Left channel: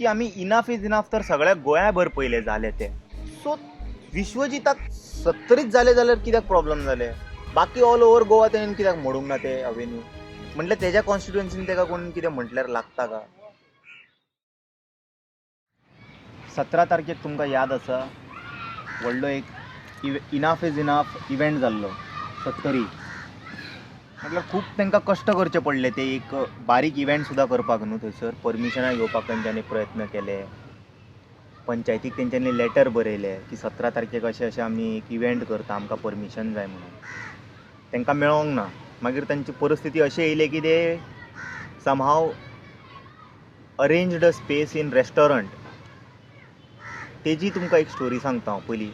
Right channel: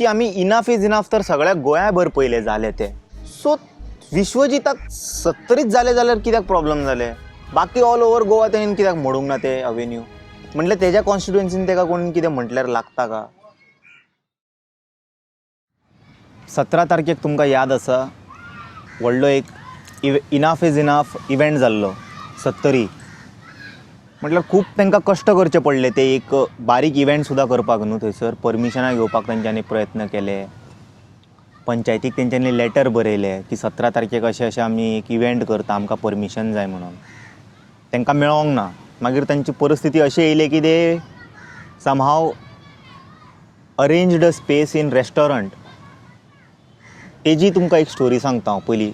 की आम्ही enough is enough तर सगळ्या गोंयाभर पयले झाले ते. सो विश्वजिताक 70च झाले जाल्यार कित्याक प्रॉब्लेम जाले? बाकी ऑल ओव्हर गोवा तेणेन कित्याक मोडूंक ना ते अवेन्यू? म्हटल्यार तेज्या कॉन्स्टिट्युएन्सीन तेका कोण कितें म्हटल्यार लागता का? 17 तारखेक तुमकां याद आसा व्हडलो एक इनाफ इज इनाफ इव्हेंट जाल्लो 70. म्हटल्यार खूब तांकां कश्ट करचे पडले ते एक बारीक इव्हेंट सुद्दां करपाक न्हू. थंयसर परमिशनां घेवपाक तेंच्यांनी प्रयत्न केले. पंचायतीक तेंच्यांनी लेटर बरयलें की 17 तारखेक अशें अशें आमी एक इव्हेंट करता, आमकां परमिशन जाय म्हणून. तांकां मेळोंक ना. मागीर तांची परिस्थिती अशी येयली की ते somehow arranged a space in restaurant. तेजी तुमकां एक स्टोरी सांगता हांव पयलीं,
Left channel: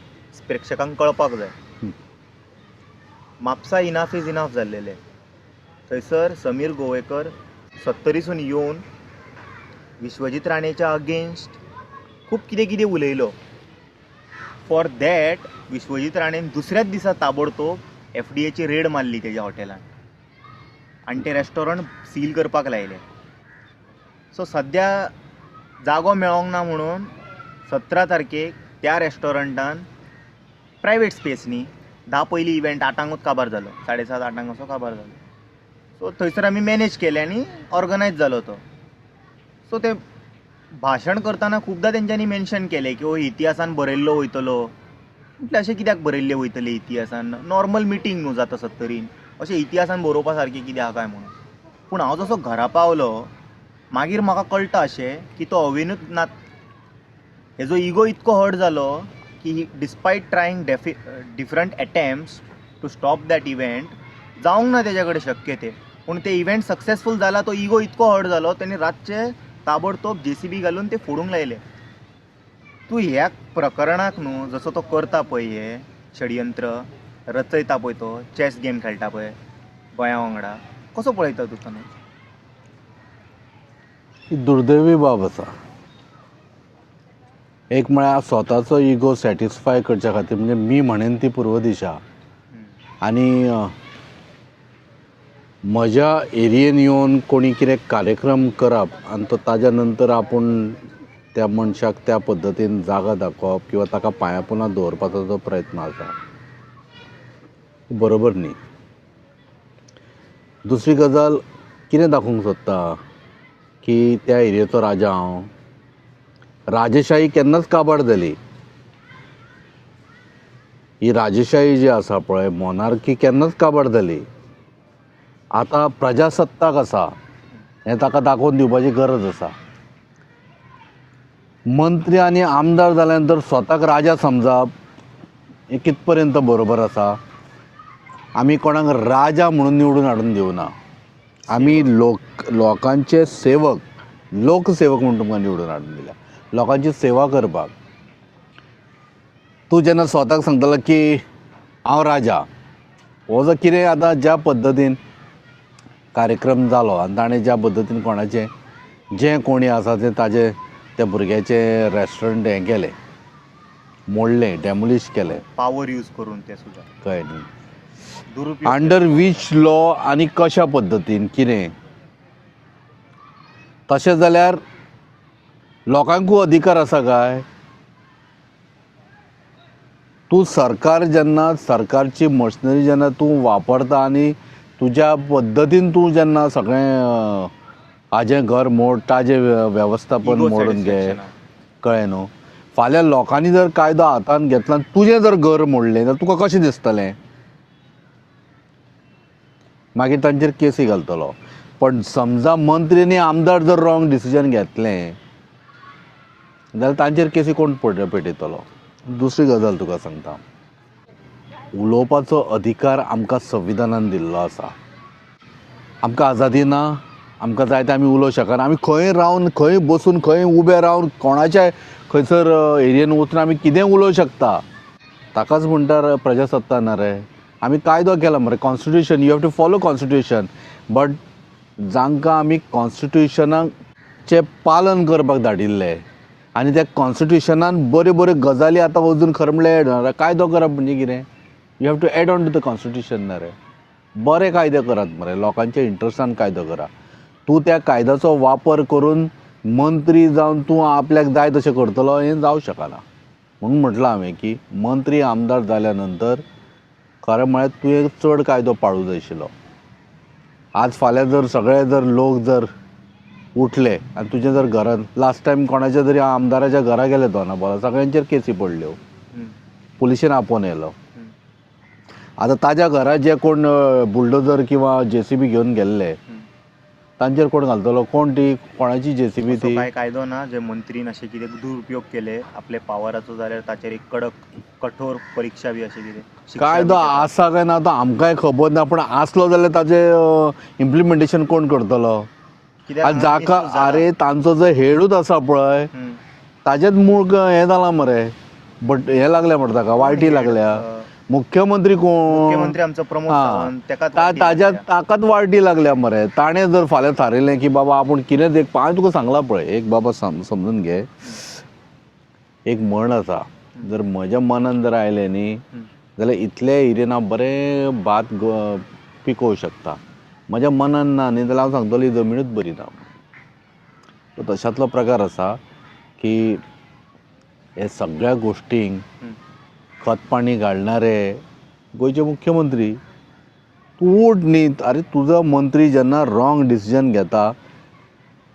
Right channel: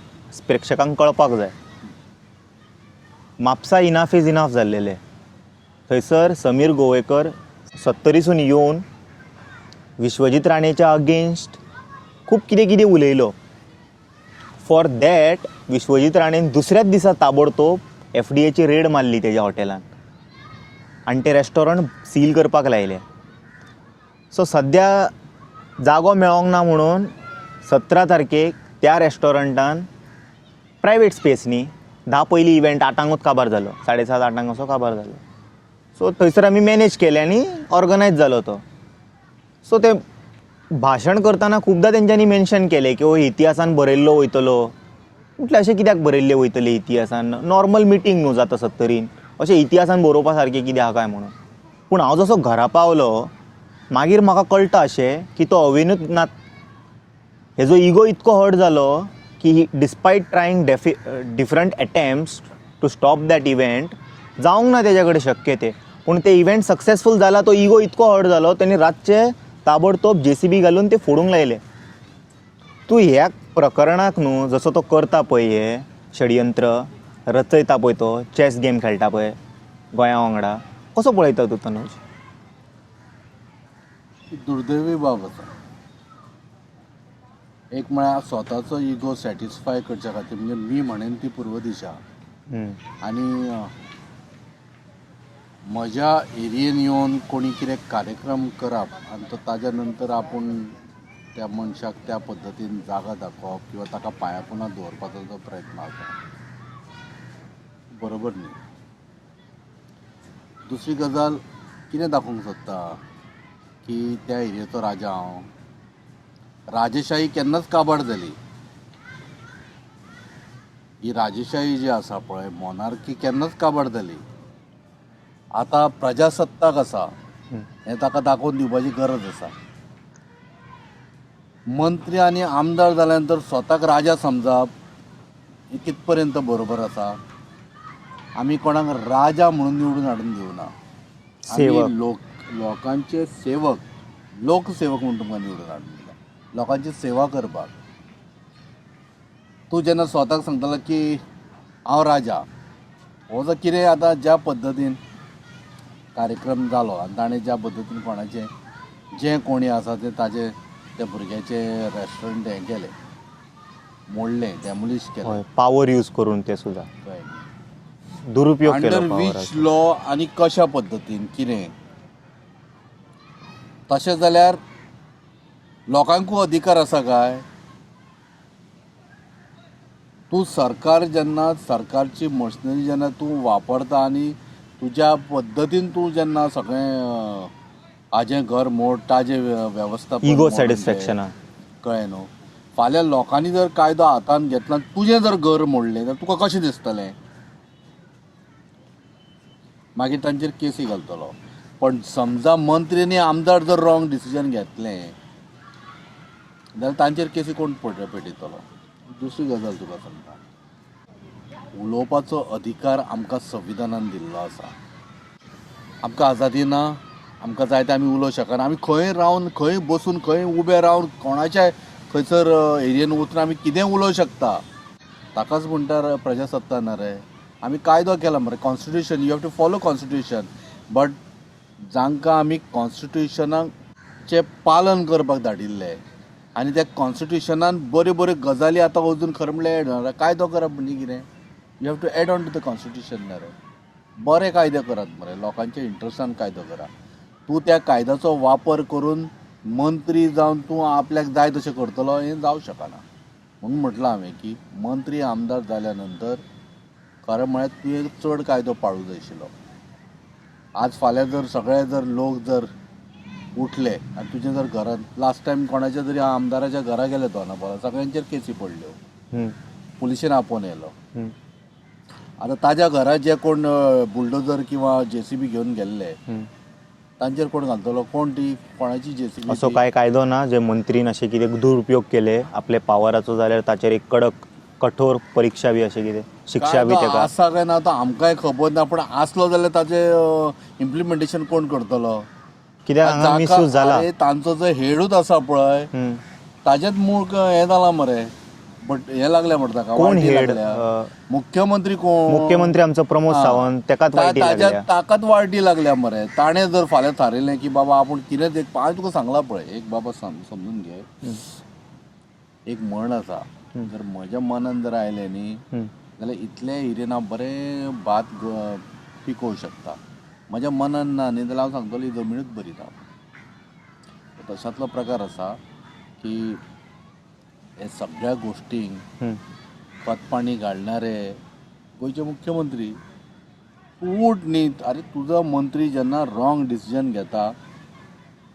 प्रेक्षकांक कळपाक जाय. म्हापसा इनाफ इज इनाफ जाल्लेले. थंयसर समीर गोवेकर 70सून येवन विश्वजीत राणेच्या अगेन्स्ट खूब कितें कितें उलयलो. फॉर दॅट विश्वजीत राणेन दुसऱ्याच दिसा ताबडतोब FDAची रेड मारली तेज्या हॉटेलान आनी तें रेस्टॉरंट सील करपाक लायलें. सो सद्या जागो मेळोंक ना म्हणून 17 तारखेक त्या रेस्टॉरंटान प्रायवेट स्पेस न्ही, 10 पयलीं इव्हेंट 8ंकूच काबार जालो, 7:30 8ंक असो काबार जालो. सो थंयसर आमी मॅनेज केलें आनी ऑर्गनायज जालो तो. सो ते भाशण करतना खुबदां तेंच्यांनी मेन्शन केलें की हो इतिहासान बरयल्लो वयतलो. म्हटल्यार अशें कित्याक बरयल्लें वयतलें इतिहासान? नॉर्मल मिटींग न्हू जाता 70. अशें इतिहासान बरोवपा सारकें कितें आहा काय म्हणून. पूण हांव जसो घरा पावलो मागीर म्हाका कळटा अशें की तो अवेन्यूच ना. हेजो इगो इतको हर्ट जालो की despite trying different attempts to stop that event, जावंक ना तेजे कडेन शक्य ते. पूण ते इव्हेंट सक्सेसफूल जाला, तो इगो इतको हर्ट जालो तेणी रातचे ताबडतोब JCB घालून ते फोडूंक लायले. तूं ह्या प्रकरणाक न्हू जसो तो करता पळय, हे षडयंत्र रचयता पळय, तो चॅस गेम खेळटा पळय गोंया वांगडा, कसो पळयता तूं तनुज? ही दुर्दैवी बाब आसा. एक म्हळ्यार स्वताचो इगो सॅटिस्फाय करच्या खातीर, म्हणजे मी म्हणेन ती पूर्व दिशा, आनी म्हज्या एरियेन येवन कोणी कितें कार्यक्रम करप आनी तो ताज्या नंतर आपूण त्या मनशाक त्या पद्दतीन जागा दाखोवप किंवा ताका पांया पोंदा दवरपाचो जो प्रयत्न आसा, बरोबर न्ही. दुसरी गजाल कितें दाखोवंक सोदता की त्या एरियेचो राजा हांव. राजशाही केन्नाच काबार जाली. ही राजशाही जी आसा पळय, मॉनार्की केन्नाच काबार जाली. आतां प्रजासत्ताक आसा हें ताका दाखोवन दिवपाची गरज आसा. मंत्री आनी आमदार जाल्या नंतर स्वताक राजा समजप हें कित पर्यंत बरोबर आसा? आमी कोणाक राजा म्हणून निवडून हाडून दिवना. आमी लोकांचे सेवक, लोकसेवक म्हणून तुमकां निवडून हाडून दिल्या, लोकांची सेवा करपाक. तूं जेन्ना स्वताक सांगतलो की हांव राजा, हो जर कितें आतां ज्या पद्दतीन कार्यक्रम जालो आनी ताणें ज्या पद्दतीन कोणाचें जें कोणी आसा तें ताजें त्या भुरग्याचें रेस्टॉरंट हें केलें, मोडलें, डॅमोलिश केलें, पावर यूज करून ते सुद्दां कळ्ळें न्ही. दुरुपयोग अंडर वीच लॉ आनी कशा पद्दतीन कितें? तशें जाल्यार लोकांकूय अधिकार आसा काय? तूं सरकार जेन्ना, सरकारची मशिनरी जेन्ना तूं वापरता आनी तुज्या पद्दतीन तूं जेन्ना सगळें हाजें घर मोड, ताजें वेवस्थापन मोडून तें, कळ्ळें न्हू. फाल्यां लोकांनी जर कायदो हातांत घेतला, तुजें जर घर मोडलें जाल्यार तुका कशें दिसतलें? मागीर तांचेर केसी घालतलो. पण समजा मंत्री आनी आमदार जर रॉंग डिसिजन घेतलें जाल्यार तांचेर केसी कोण पेटयतलो? दुसरी गजाल तुका सांगता, उलोवपाचो अधिकार आमकां संविधानान दिल्लो आसा. आमकां आजादी ना, आमकां जाय तें आमी उलोवंक शकना. आमी खंय रावन, खंय बसून, खंय उबे रावन, कोणाच्याय खंयसर एरियेन वचून आमी कितें उलोवंक शकता. ताकाच म्हणटा प्रजासत्ताक ना रे. आमी कायदो केला मरे, constitution, you have to follow constitution. But जांकां आमी कॉन्स्टिट्युशनाचें पालन करपाक धाडिल्ले आनी त्या कॉन्स्टिट्युशनान बऱ्यो बऱ्यो गजाली आतां अजून खरें म्हणल्यार कायदो करप म्हणजे कितें? You have to add on to the constitution ना रे. बरे कायदे करात मरे, लोकांच्या इंट्रस्टान कायदो करा. तूं त्या कायद्याचो वापर करून मंत्री जावन तूं आपल्याक जाय तशें करतलो हें जावं शकना. म्हणून म्हटलं हांवें की मंत्री आमदार जाल्या नंतर खरें म्हळ्यार तुवें चड कायदो पाळूं जाय आशिल्लो. आज फाल्यां जर सगळे जर लोक जर उठले आनी तुजें जर घरांत लास्ट टायम कोणाच्या तरी आमदाराच्या घरा गेले दोनापावला सगळ्यांचेर केसी पडल्यो, पुलिशेन आपोवन येयलो. आतां ताज्या घरा जे कोण बुलडोजर किंवा JCB घेवन गेल्ले तांचेर कोण घालतलो, कोण ती कोणाची JCB असो काय कायदो ना जे मंत्रीन अशें कितें दुरुपयोग केले आपले पावराचो जाल्यार ताचेर एक कडक कठोर परीक्षा बी अशें कितें शिक्षा बी कायदो तेका? आसा काय ना तो आमकांय खबर ना, पण आसलो जाल्यार ताजें इम्प्लिमेंटेशन कोण करतलो? कित्याक आनी हांगा जाका misuse जाला. अरे तांचो जो हेडूच आसा पळय ताजेच मूळ हें जाला मरे, बट हें लागल्या म्हणटा ताका वायटी head? लागल्या. मुख्यमंत्री कोण? मुख्यमंत्री आमचो प्रमोद हा. सावंत तेकाच वायटी ताज्या लागल्या. ताकाच वायटी लागल्या मरे. ताणें जर फाल्यां थारिल्लें की बाबा आपूण कितें देख हांवें तुका सांगलां पळय, एक बाबा समजून घे, एक म्हण आसा, जर म्हज्या मनान जर आयलें न्ही जाल्यार इतले एरियेन हांव बरें भात पिकोवं शकता. म्हज्या मनान ना न्ही जाल्यार हांव सांगतलो ही जमीनूच बरी ना. तर तशातलो प्रकार आसा की हे सगळ्या गोश्टींक खत पाणी घालणारे गोंयचे मुख्यमंत्री. तूं उठ न्ही, अरे तुजो मंत्री जेन्ना रॉंग डिसिजन घेता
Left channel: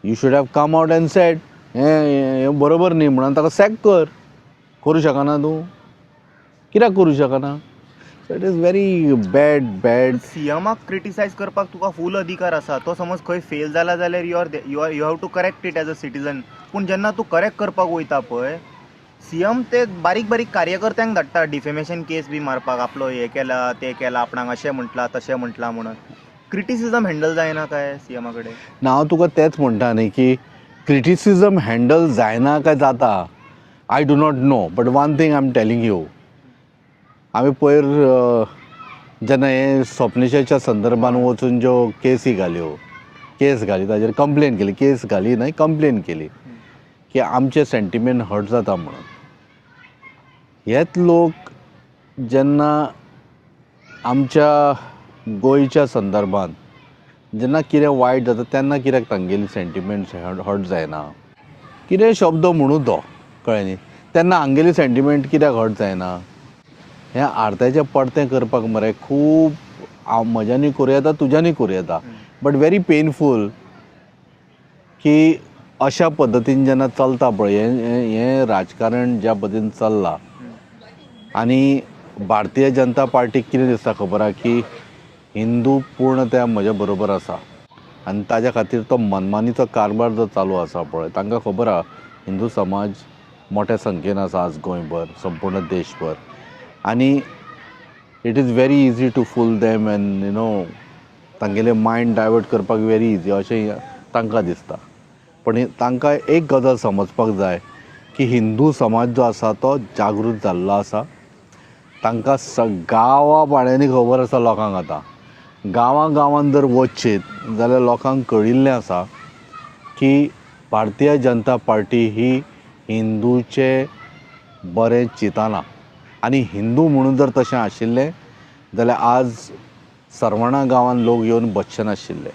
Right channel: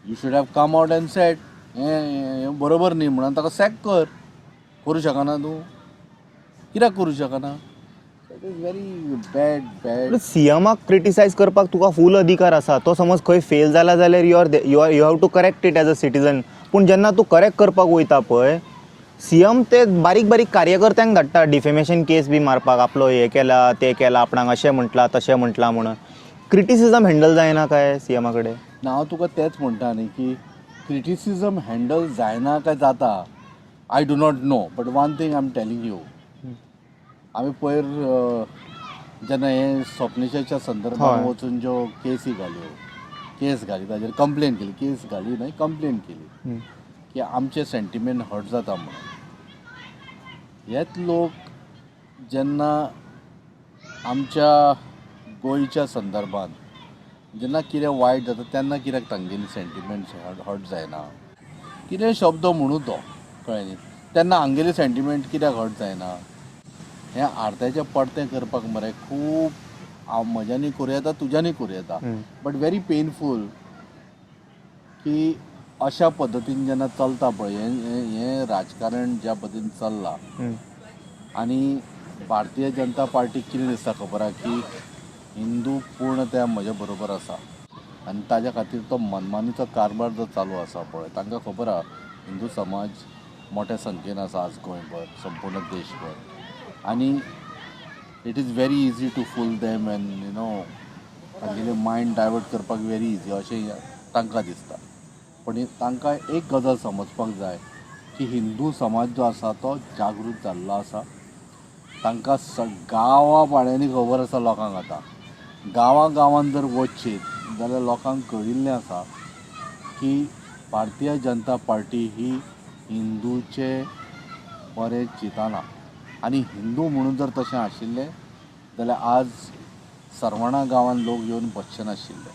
you should have come out and set हें बरोबर न्ही म्हणून ताका सॅक कर. करूं शकना तूं? कित्याक करूं शकना? It is very bad. सीएमाक क्रिटिसायज करपाक तुका फूल अधिकार आसा. तो समज खंय फेल जाला जाल्यार you have to correct it as a citizen. पूण जेन्ना तूं करेक्ट करपाक वयता पळय सीएम ते बारीक बारीक कार्यकर्त्यांक धाडटा डिफेमेशन केस बी मारपाक, आपलो हे केला ते केला, आपणाक अशें म्हटलां तशें म्हटलां म्हणून. क्रिटिसिजम हँडल जायना काय सीएमा कडेन? हांव तुका तेंच म्हणटा न्ही की क्रिटिसिजम हँडल जायना काय जाता I do not know, but one thing I am telling you. हांवें पयर जेन्ना हे स्वप्नेशाच्या संदर्भान हय. वचून ज्यो केसी घाल्यो, केस घाली ताजेर कंप्लेन केली, केस घाली न्हय कंप्लेन केली की आमचे सेंटिमेंट हर्ट जाता म्हणून. हेच लोक जेन्ना आमच्या गोंयच्या संदर्भान जेन्ना कितें वायट जाता तेन्ना कित्याक तांगेली सेंटिमेंट्स हर्ट जायना? कितें शब्द म्हणू तो कळ्ळें न्ही, तेन्ना हांगेली सेंटिमेंट कित्याक हर्ट जायना? हें आरत्याचें पडतें करपाक मरे खूब म्हज्यानी करूं येता, तुज्यानी करूं येता, बट व्हेरी पेनफूल की अशा पद्दतीन जेन्ना चलता पळय हें राजकारण ज्या पद्दतीन चल्लां आनी भारतीय जनता पार्टीक कितें दिसता खबर आहा की हिंदू पूर्ण त्या म्हज्या बरोबर आसा आनी ताज्या खातीर तो मनमानीचो कारबार जो चालू आसा पळय तांकां खबर आहा हिंदू समाज मोठ्या संख्येन आसा आज गोंयभर संपूर्ण देशभर आनी it is very easy to fool them and you know तांगेले मायंड डायवर्ट करपाक व्हेरी इजी अशें तांकां दिसता. पण तांकां एक गजाल समजपाक जाय की हिंदू समाज जो आसा तो जागृत जाल्लो आसा. तांकां गांवा पाड्यांनी खबर आसा लोकांक. आतां गांवांत जर वचशीत जाल्यार लोकांक कळिल्लें आसा की भारतीय जनता पार्टी ही हिंदूचे बरें चिंतना आनी हिंदू म्हणून जर तशें आशिल्लें जाल्यार आज सरवणा गांवांत लोक येवन बसचे नाशिल्ले.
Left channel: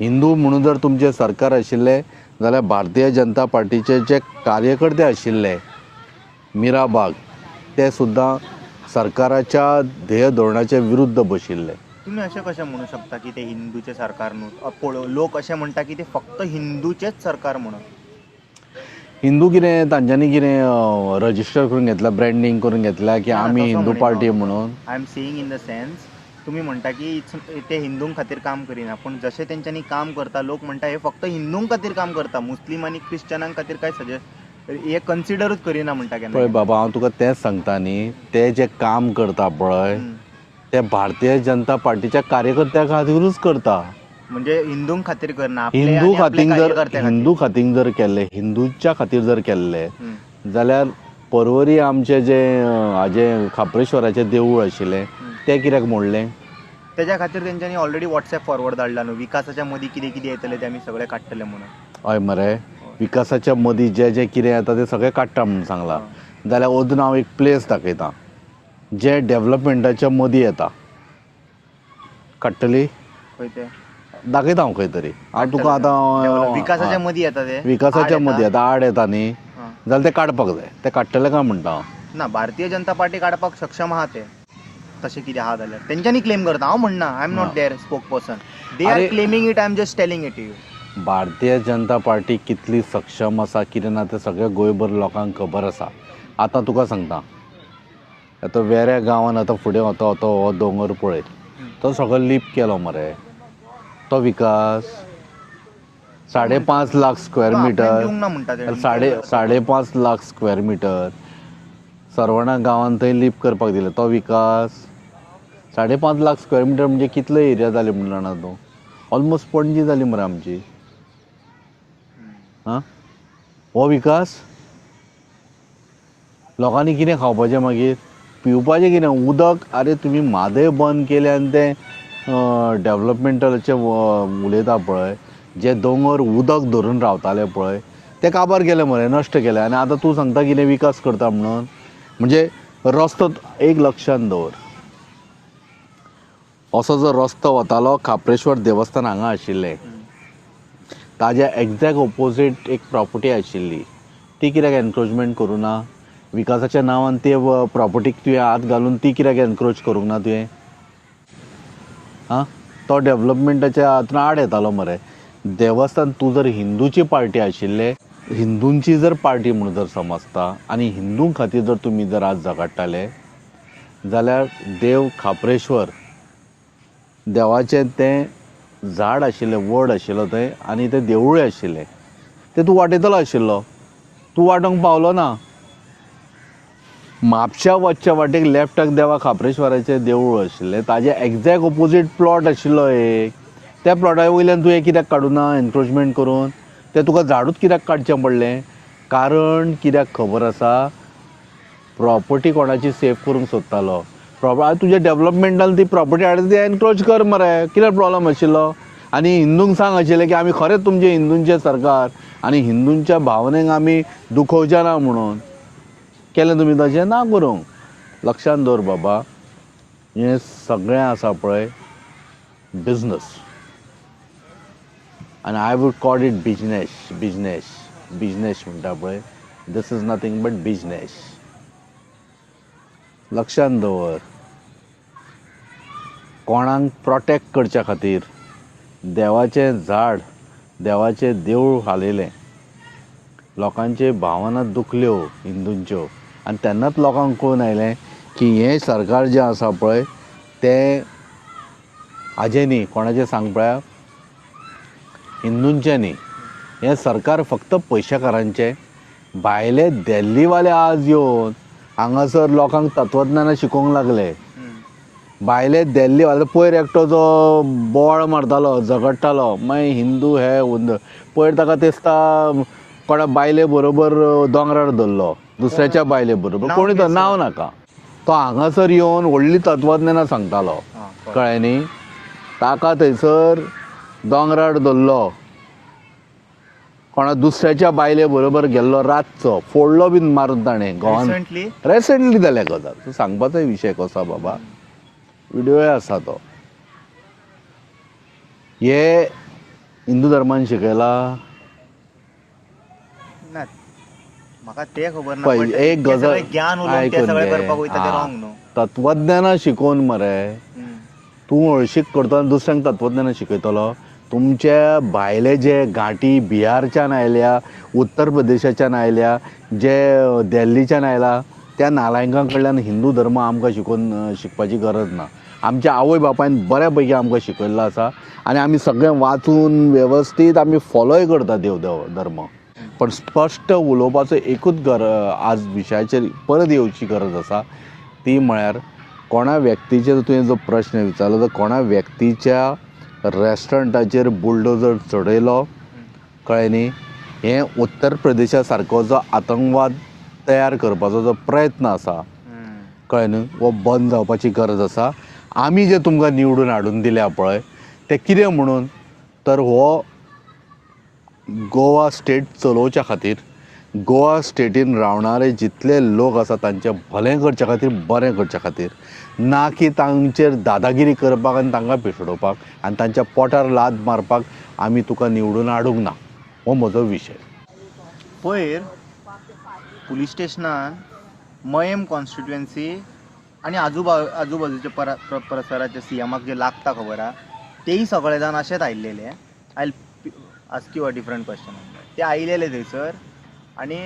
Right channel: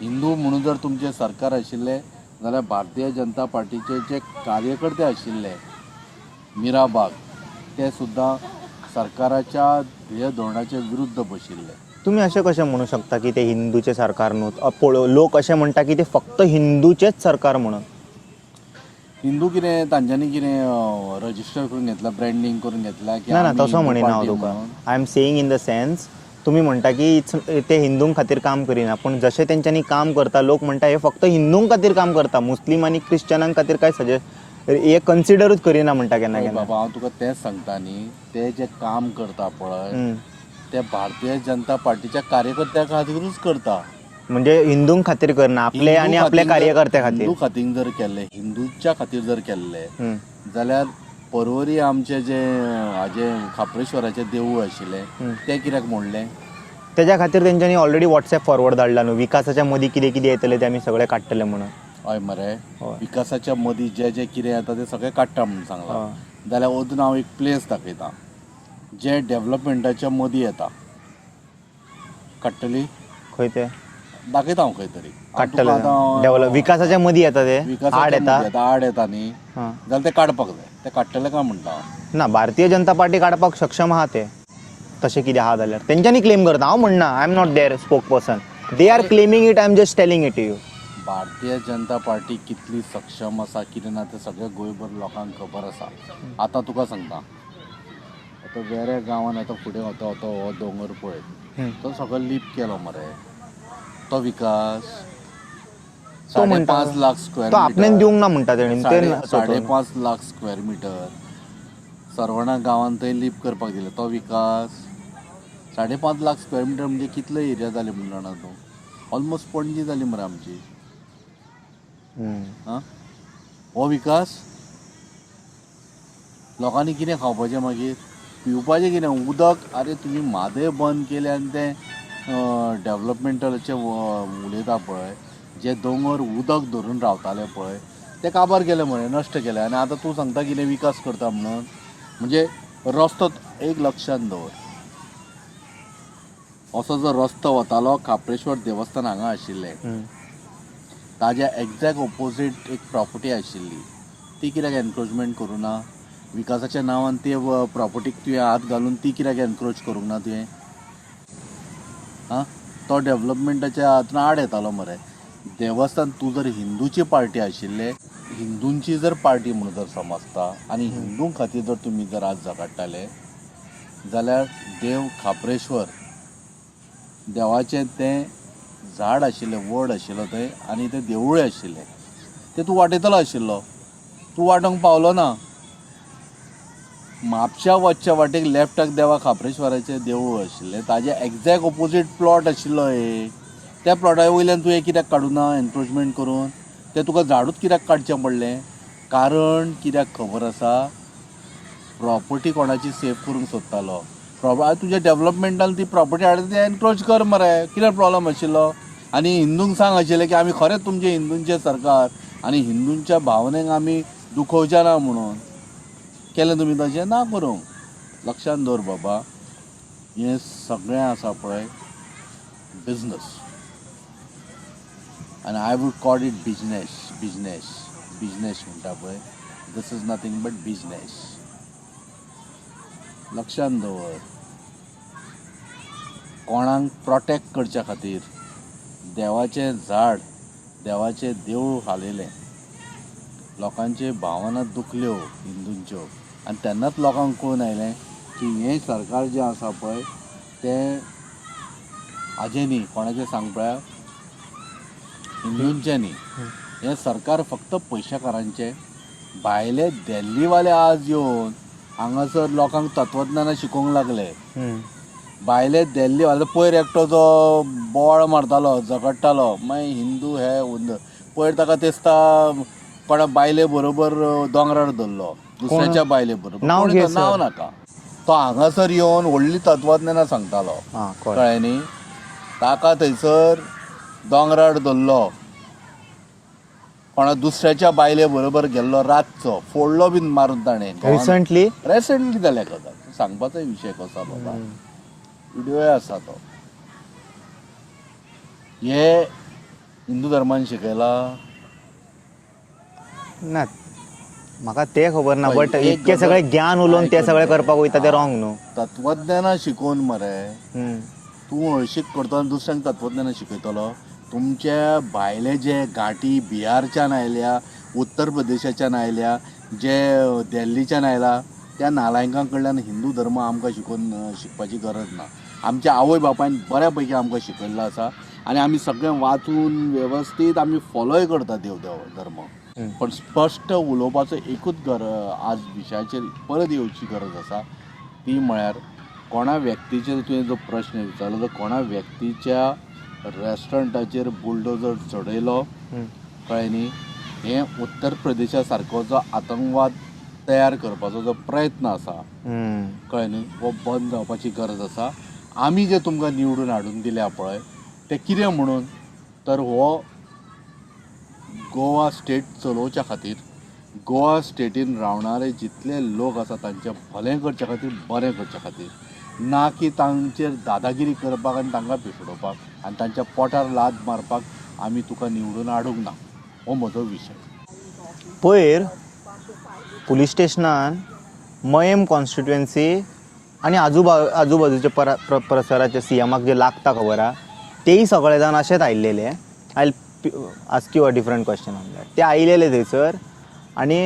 हिंदू म्हणून जर तुमचें सरकार आशिल्लें जाल्यार भारतीय जनता पार्टीचे जे कार्यकर्ते आशिल्ले मिराबाग ते सुद्दां सरकाराच्या ध्येय धोरणाच्या विरुद्ध बशिल्ले. तुम्ही अशें कशें म्हणू शकता की ते हिंदूचे सरकार न्हू? लोक अशें म्हणटा की ते फक्त हिंदूचेच सरकार म्हणून. हिंदू कितें तांच्यांनी कितें रजिस्टर करून घेतला, ब्रँडिंग करून घेतला की आमी हिंदू पार्टी म्हणून? I am saying in the sense तुम्ही म्हणटा की ते हिंदूं खातीर काम करिना, पण जशें तेंच्यांनी काम करता लोक म्हणटा हे फक्त हिंदूं खातीर काम करता, मुस्लीम आनी क्रिश्चनां खातीर काय हे कन्सिडरूच करिना म्हणटा केन्ना पळय बाबा हांव तुका तेंच सांगता न्ही, ते जे काम करता पळय ते भारतीय जनता पार्टीच्या कार्यकर्त्यां खातीरूच करता. म्हणजे हिंदूं खातीर करना, आपले आनी आपले कार्यकर्त्या खातीर. हिंदू खातीर जर केल्ले, हिंदूच्या खातीर जर केल्ले जाल्यार परवरी आमचे जे हाजे खापरेश्वराचें देवूळ आशिल्लें तें कित्याक मोडलें? तेज्या खातीर तेंच्यांनी ऑलरेडी व्हॉट्सॲप फॉरवर्ड धाडला न्हू, विकासाच्या मदीं कितें कितें येतलें ते आमी सगळें काडटले म्हणून. हय मरे, विकासाच्या मदीं जे जे कितें येता तें सगळें काडटा म्हणून सांगलां. जाल्यार अजून हांव एक प्लेस दाखयतां जे डेव्हलपमेंटाच्या मदीं येता. काडटली? खंय ते? दाखयता हांव खंय तरी हांव तुका आतां विकासाच्या मध्ये येता ते विकासाच्या आड मदीं येता. आतां आड येता न्ही हां. जाल्यार ते काडपाक जाय ते काडटले काय म्हणटा हांव ना भारतीय जनता पार्टी काडपाक सक्षम आहा ते तशें कितें आहा जाल्यार तेंच्यांनी क्लेम करता हांव म्हणना I am not there spoke person they are are- claiming it I am just telling it to you. Bharatiya Janata party कितली सक्षम आसा कितें ना तें सगळ्या गोंयभर लोकांक खबर आसा आतां तुका सांगता आतां वेऱ्या गांवान आतां फुडें वता वता हो दोंगर पळय तो सगळो लीप केलो मरे तो विकास 5.5 लाख स्क्वेअर तो आपल्यान दिवंक मिटर ना म्हणटा तेणी. 5.5 लाख स्क्वेअर मिटर सरवणा गांवान थंय लीप करपाक दिले तो विकास 5.5 लाख स्क्वेअर मिटर म्हणजे कितलो एरिया जाली म्हणून जाणा तूं ऑलमोस्ट पणजी जाली मरे आमची हम्म. हां हो विकास लोकांनी कितें खावपाचें मागीर पिवपाचें कितें उदक अरे तुमी म्हादय बंद केले आनी तें डेवलॉपमेंटलाचें उलयता पळय जे दोंगर उदक धरून रावताले पळय ते काबार केले मरे नश्ट केले आनी आतां तूं सांगता कितें विकास करता म्हणून म्हणजे रस्तो एक लक्षांत दवर असो जो रस्तो वतालो खाप्रेश्वर देवस्थान हांगा आशिल्लें ताज्या एक्झॅक्ट ऑपोजीट एक प्रॉपर्टी आशिल्ली ती कित्याक एनक्रोचमेंट करूं ना विकासाच्या नांवान ते प्रॉपर्टीक तुवें हात घालून ती कित्याक एनक्रोच करूंक ना तुवें हां तो डेवलॉपमेंटाच्या हातून आड येतालो मरे देवस्थान तूं जर हिंदूची पार्टी आशिल्ले हिंदूंची जर पार्टी म्हणून जर समजता आनी हिंदूं खातीर जर तुमी जर आज झगडटाले जाल्यार देव खाप्रेश्वर देवाचें तें झाड आशिल्लें वड आशिल्लो थंय आनी तें देवूळय आशिल्लें तें तूं वाटयतलो आशिल्लो तूं वाटोवंक पावलो ना म्हापशा वचच्या वाटेक लेफ्टाक देवा खाप्रेश्वराचें देवूळ आशिल्लें ताजे एक्झॅक्ट ऑपोजीट प्लॉट आशिल्लो एक त्या प्लॉटा वयल्यान तुवें कित्याक काडूं ना एनक्रोचमेंट करून तें तुका झाडूच कित्याक काडचें पडलें कारण कित्याक खबर आसा प्रॉपर्टी कोणाची सेफ करूंक सोदतालो तुज्या डेवलॉपमेंटान ती प्रॉपर्टी हाडून ती एनक्रोच कर मरे कित्याक प्रॉब्लम आशिल्लो आनी हिंदूंक सांग आशिल्लें की आमी खरेंच तुमचें हिंदूंचें सरकार आनी हिंदूंच्या भावनेक आमी दुखोवचे ना म्हणून केलें तुमी तशें ना करूंक लक्षांत दवर बाबा हें सगळें आसा पळय बिजनस आनी I would call it business म्हणटा पळय this is nothing but business लक्षांत दवर कोणाक प्रोटेक्ट करच्या खातीर देवाचें झाड देवाचें देवूळ हालयलें लोकांचे भावना दुखल्यो हिंदूंच्यो आनी तेन्नाच लोकांक कळून आयलें की हें सरकार जें आसा पळय तें हाजें न्ही कोणाचें सांग पळया हिंदूंचें न्ही हें सरकार फक्त पयशेकारांचें भायले देल्लीवाले आज येवन हांगासर लोकांक तत्वज्ञानां शिकोवंक लागले भायले देल्लीवाले पयर एकटो जो बोवाळ मारतालो झगडटालो मागीर हिंदू हे पयर ताका दिसता कोणा बायले बरोबर दोंगरार धरलो दुसऱ्याच्या बायले बरोबर कोणी नांव नाका तो हांगासर येवन व्हडली तत्वज्ञानां सांगतालो कळ्ळें न्ही ताका थंयसर दोंगरार धरलो कोणा दुसऱ्याच्या बायले बरोबर गेल्लो रातचो फोडलो बीन मारून ताणें रिसंटली जाल्या गजाल तूं सांगपाचो विशय कसो बाबा व्हिडियोय आसा तो हे हिंदू धर्मान शिकयला ना म्हाका ते खबर ना बट इतकें सगळें ज्ञान उलोवन ते सगळें करपाक वयता ते रॉंग न्हू तत्वज्ञानां शिकोवन मरे तूं हळशीक करता दुसऱ्यांक तत्वज्ञानां शिकयतलो तुमच्या भायले जे घाटी बिहारच्यान आयल्या उत्तर प्रदेशाच्यान आयल्या जे दिल्लीच्यान आयला त्या नालायकां कडल्यान हिंदू धर्म आमकां शिकपाची गरज ना आमच्या आवय बापायन बऱ्या पैकी आमकां शिकयल्लो आसा आनी आमी सगळें वाचून वेवस्थीत आमी फॉलोय करता देव धर्म पण स्पश्ट उलोवपाचो एकूच आज विशयाचेर परत येवची गरज आसा ती म्हळ्यार कोणा व्यक्तीचेर तुवें जो प्रश्न विचारलो तो कोणा व्यक्तीच्या रेस्टॉरंटाचेर बुलडोजर चडयलो कळ्ळें न्ही हें उत्तर प्रदेशा सारको जो आतंकवाद तयार करपाचो जो प्रयत्न आसा कळ्ळें न्ही हो बंद जावपाची गरज आसा आमी जे तुमकां निवडून हाडून दिल्या पळय ते कितें म्हणून तर हो गोवा स्टेट चलोवच्या खातीर गोवा स्टेटीन रावणारे जितले लोक आसा तांचें भलें करचे खातीर बरें करचे खातीर, ना की तांचेर दादागिरी करपाक आनी तांकां पिसडोवपाक आनी तांच्या पोटार लाद मारपाक आमी तुका निवडून हाडूंक ना, हो म्हजो विशय. पयर पुलीस स्टेशनान मयम कॉन्स्टिट्युएन्सी आनी आजूबाजूचे परिसराचे सीएमाक जे लागता खबर आहा तेही सगळे जाण अशेंच आयिल्लेले. I ask you a different question on that. ते आयिल्लेले थंयसर आनी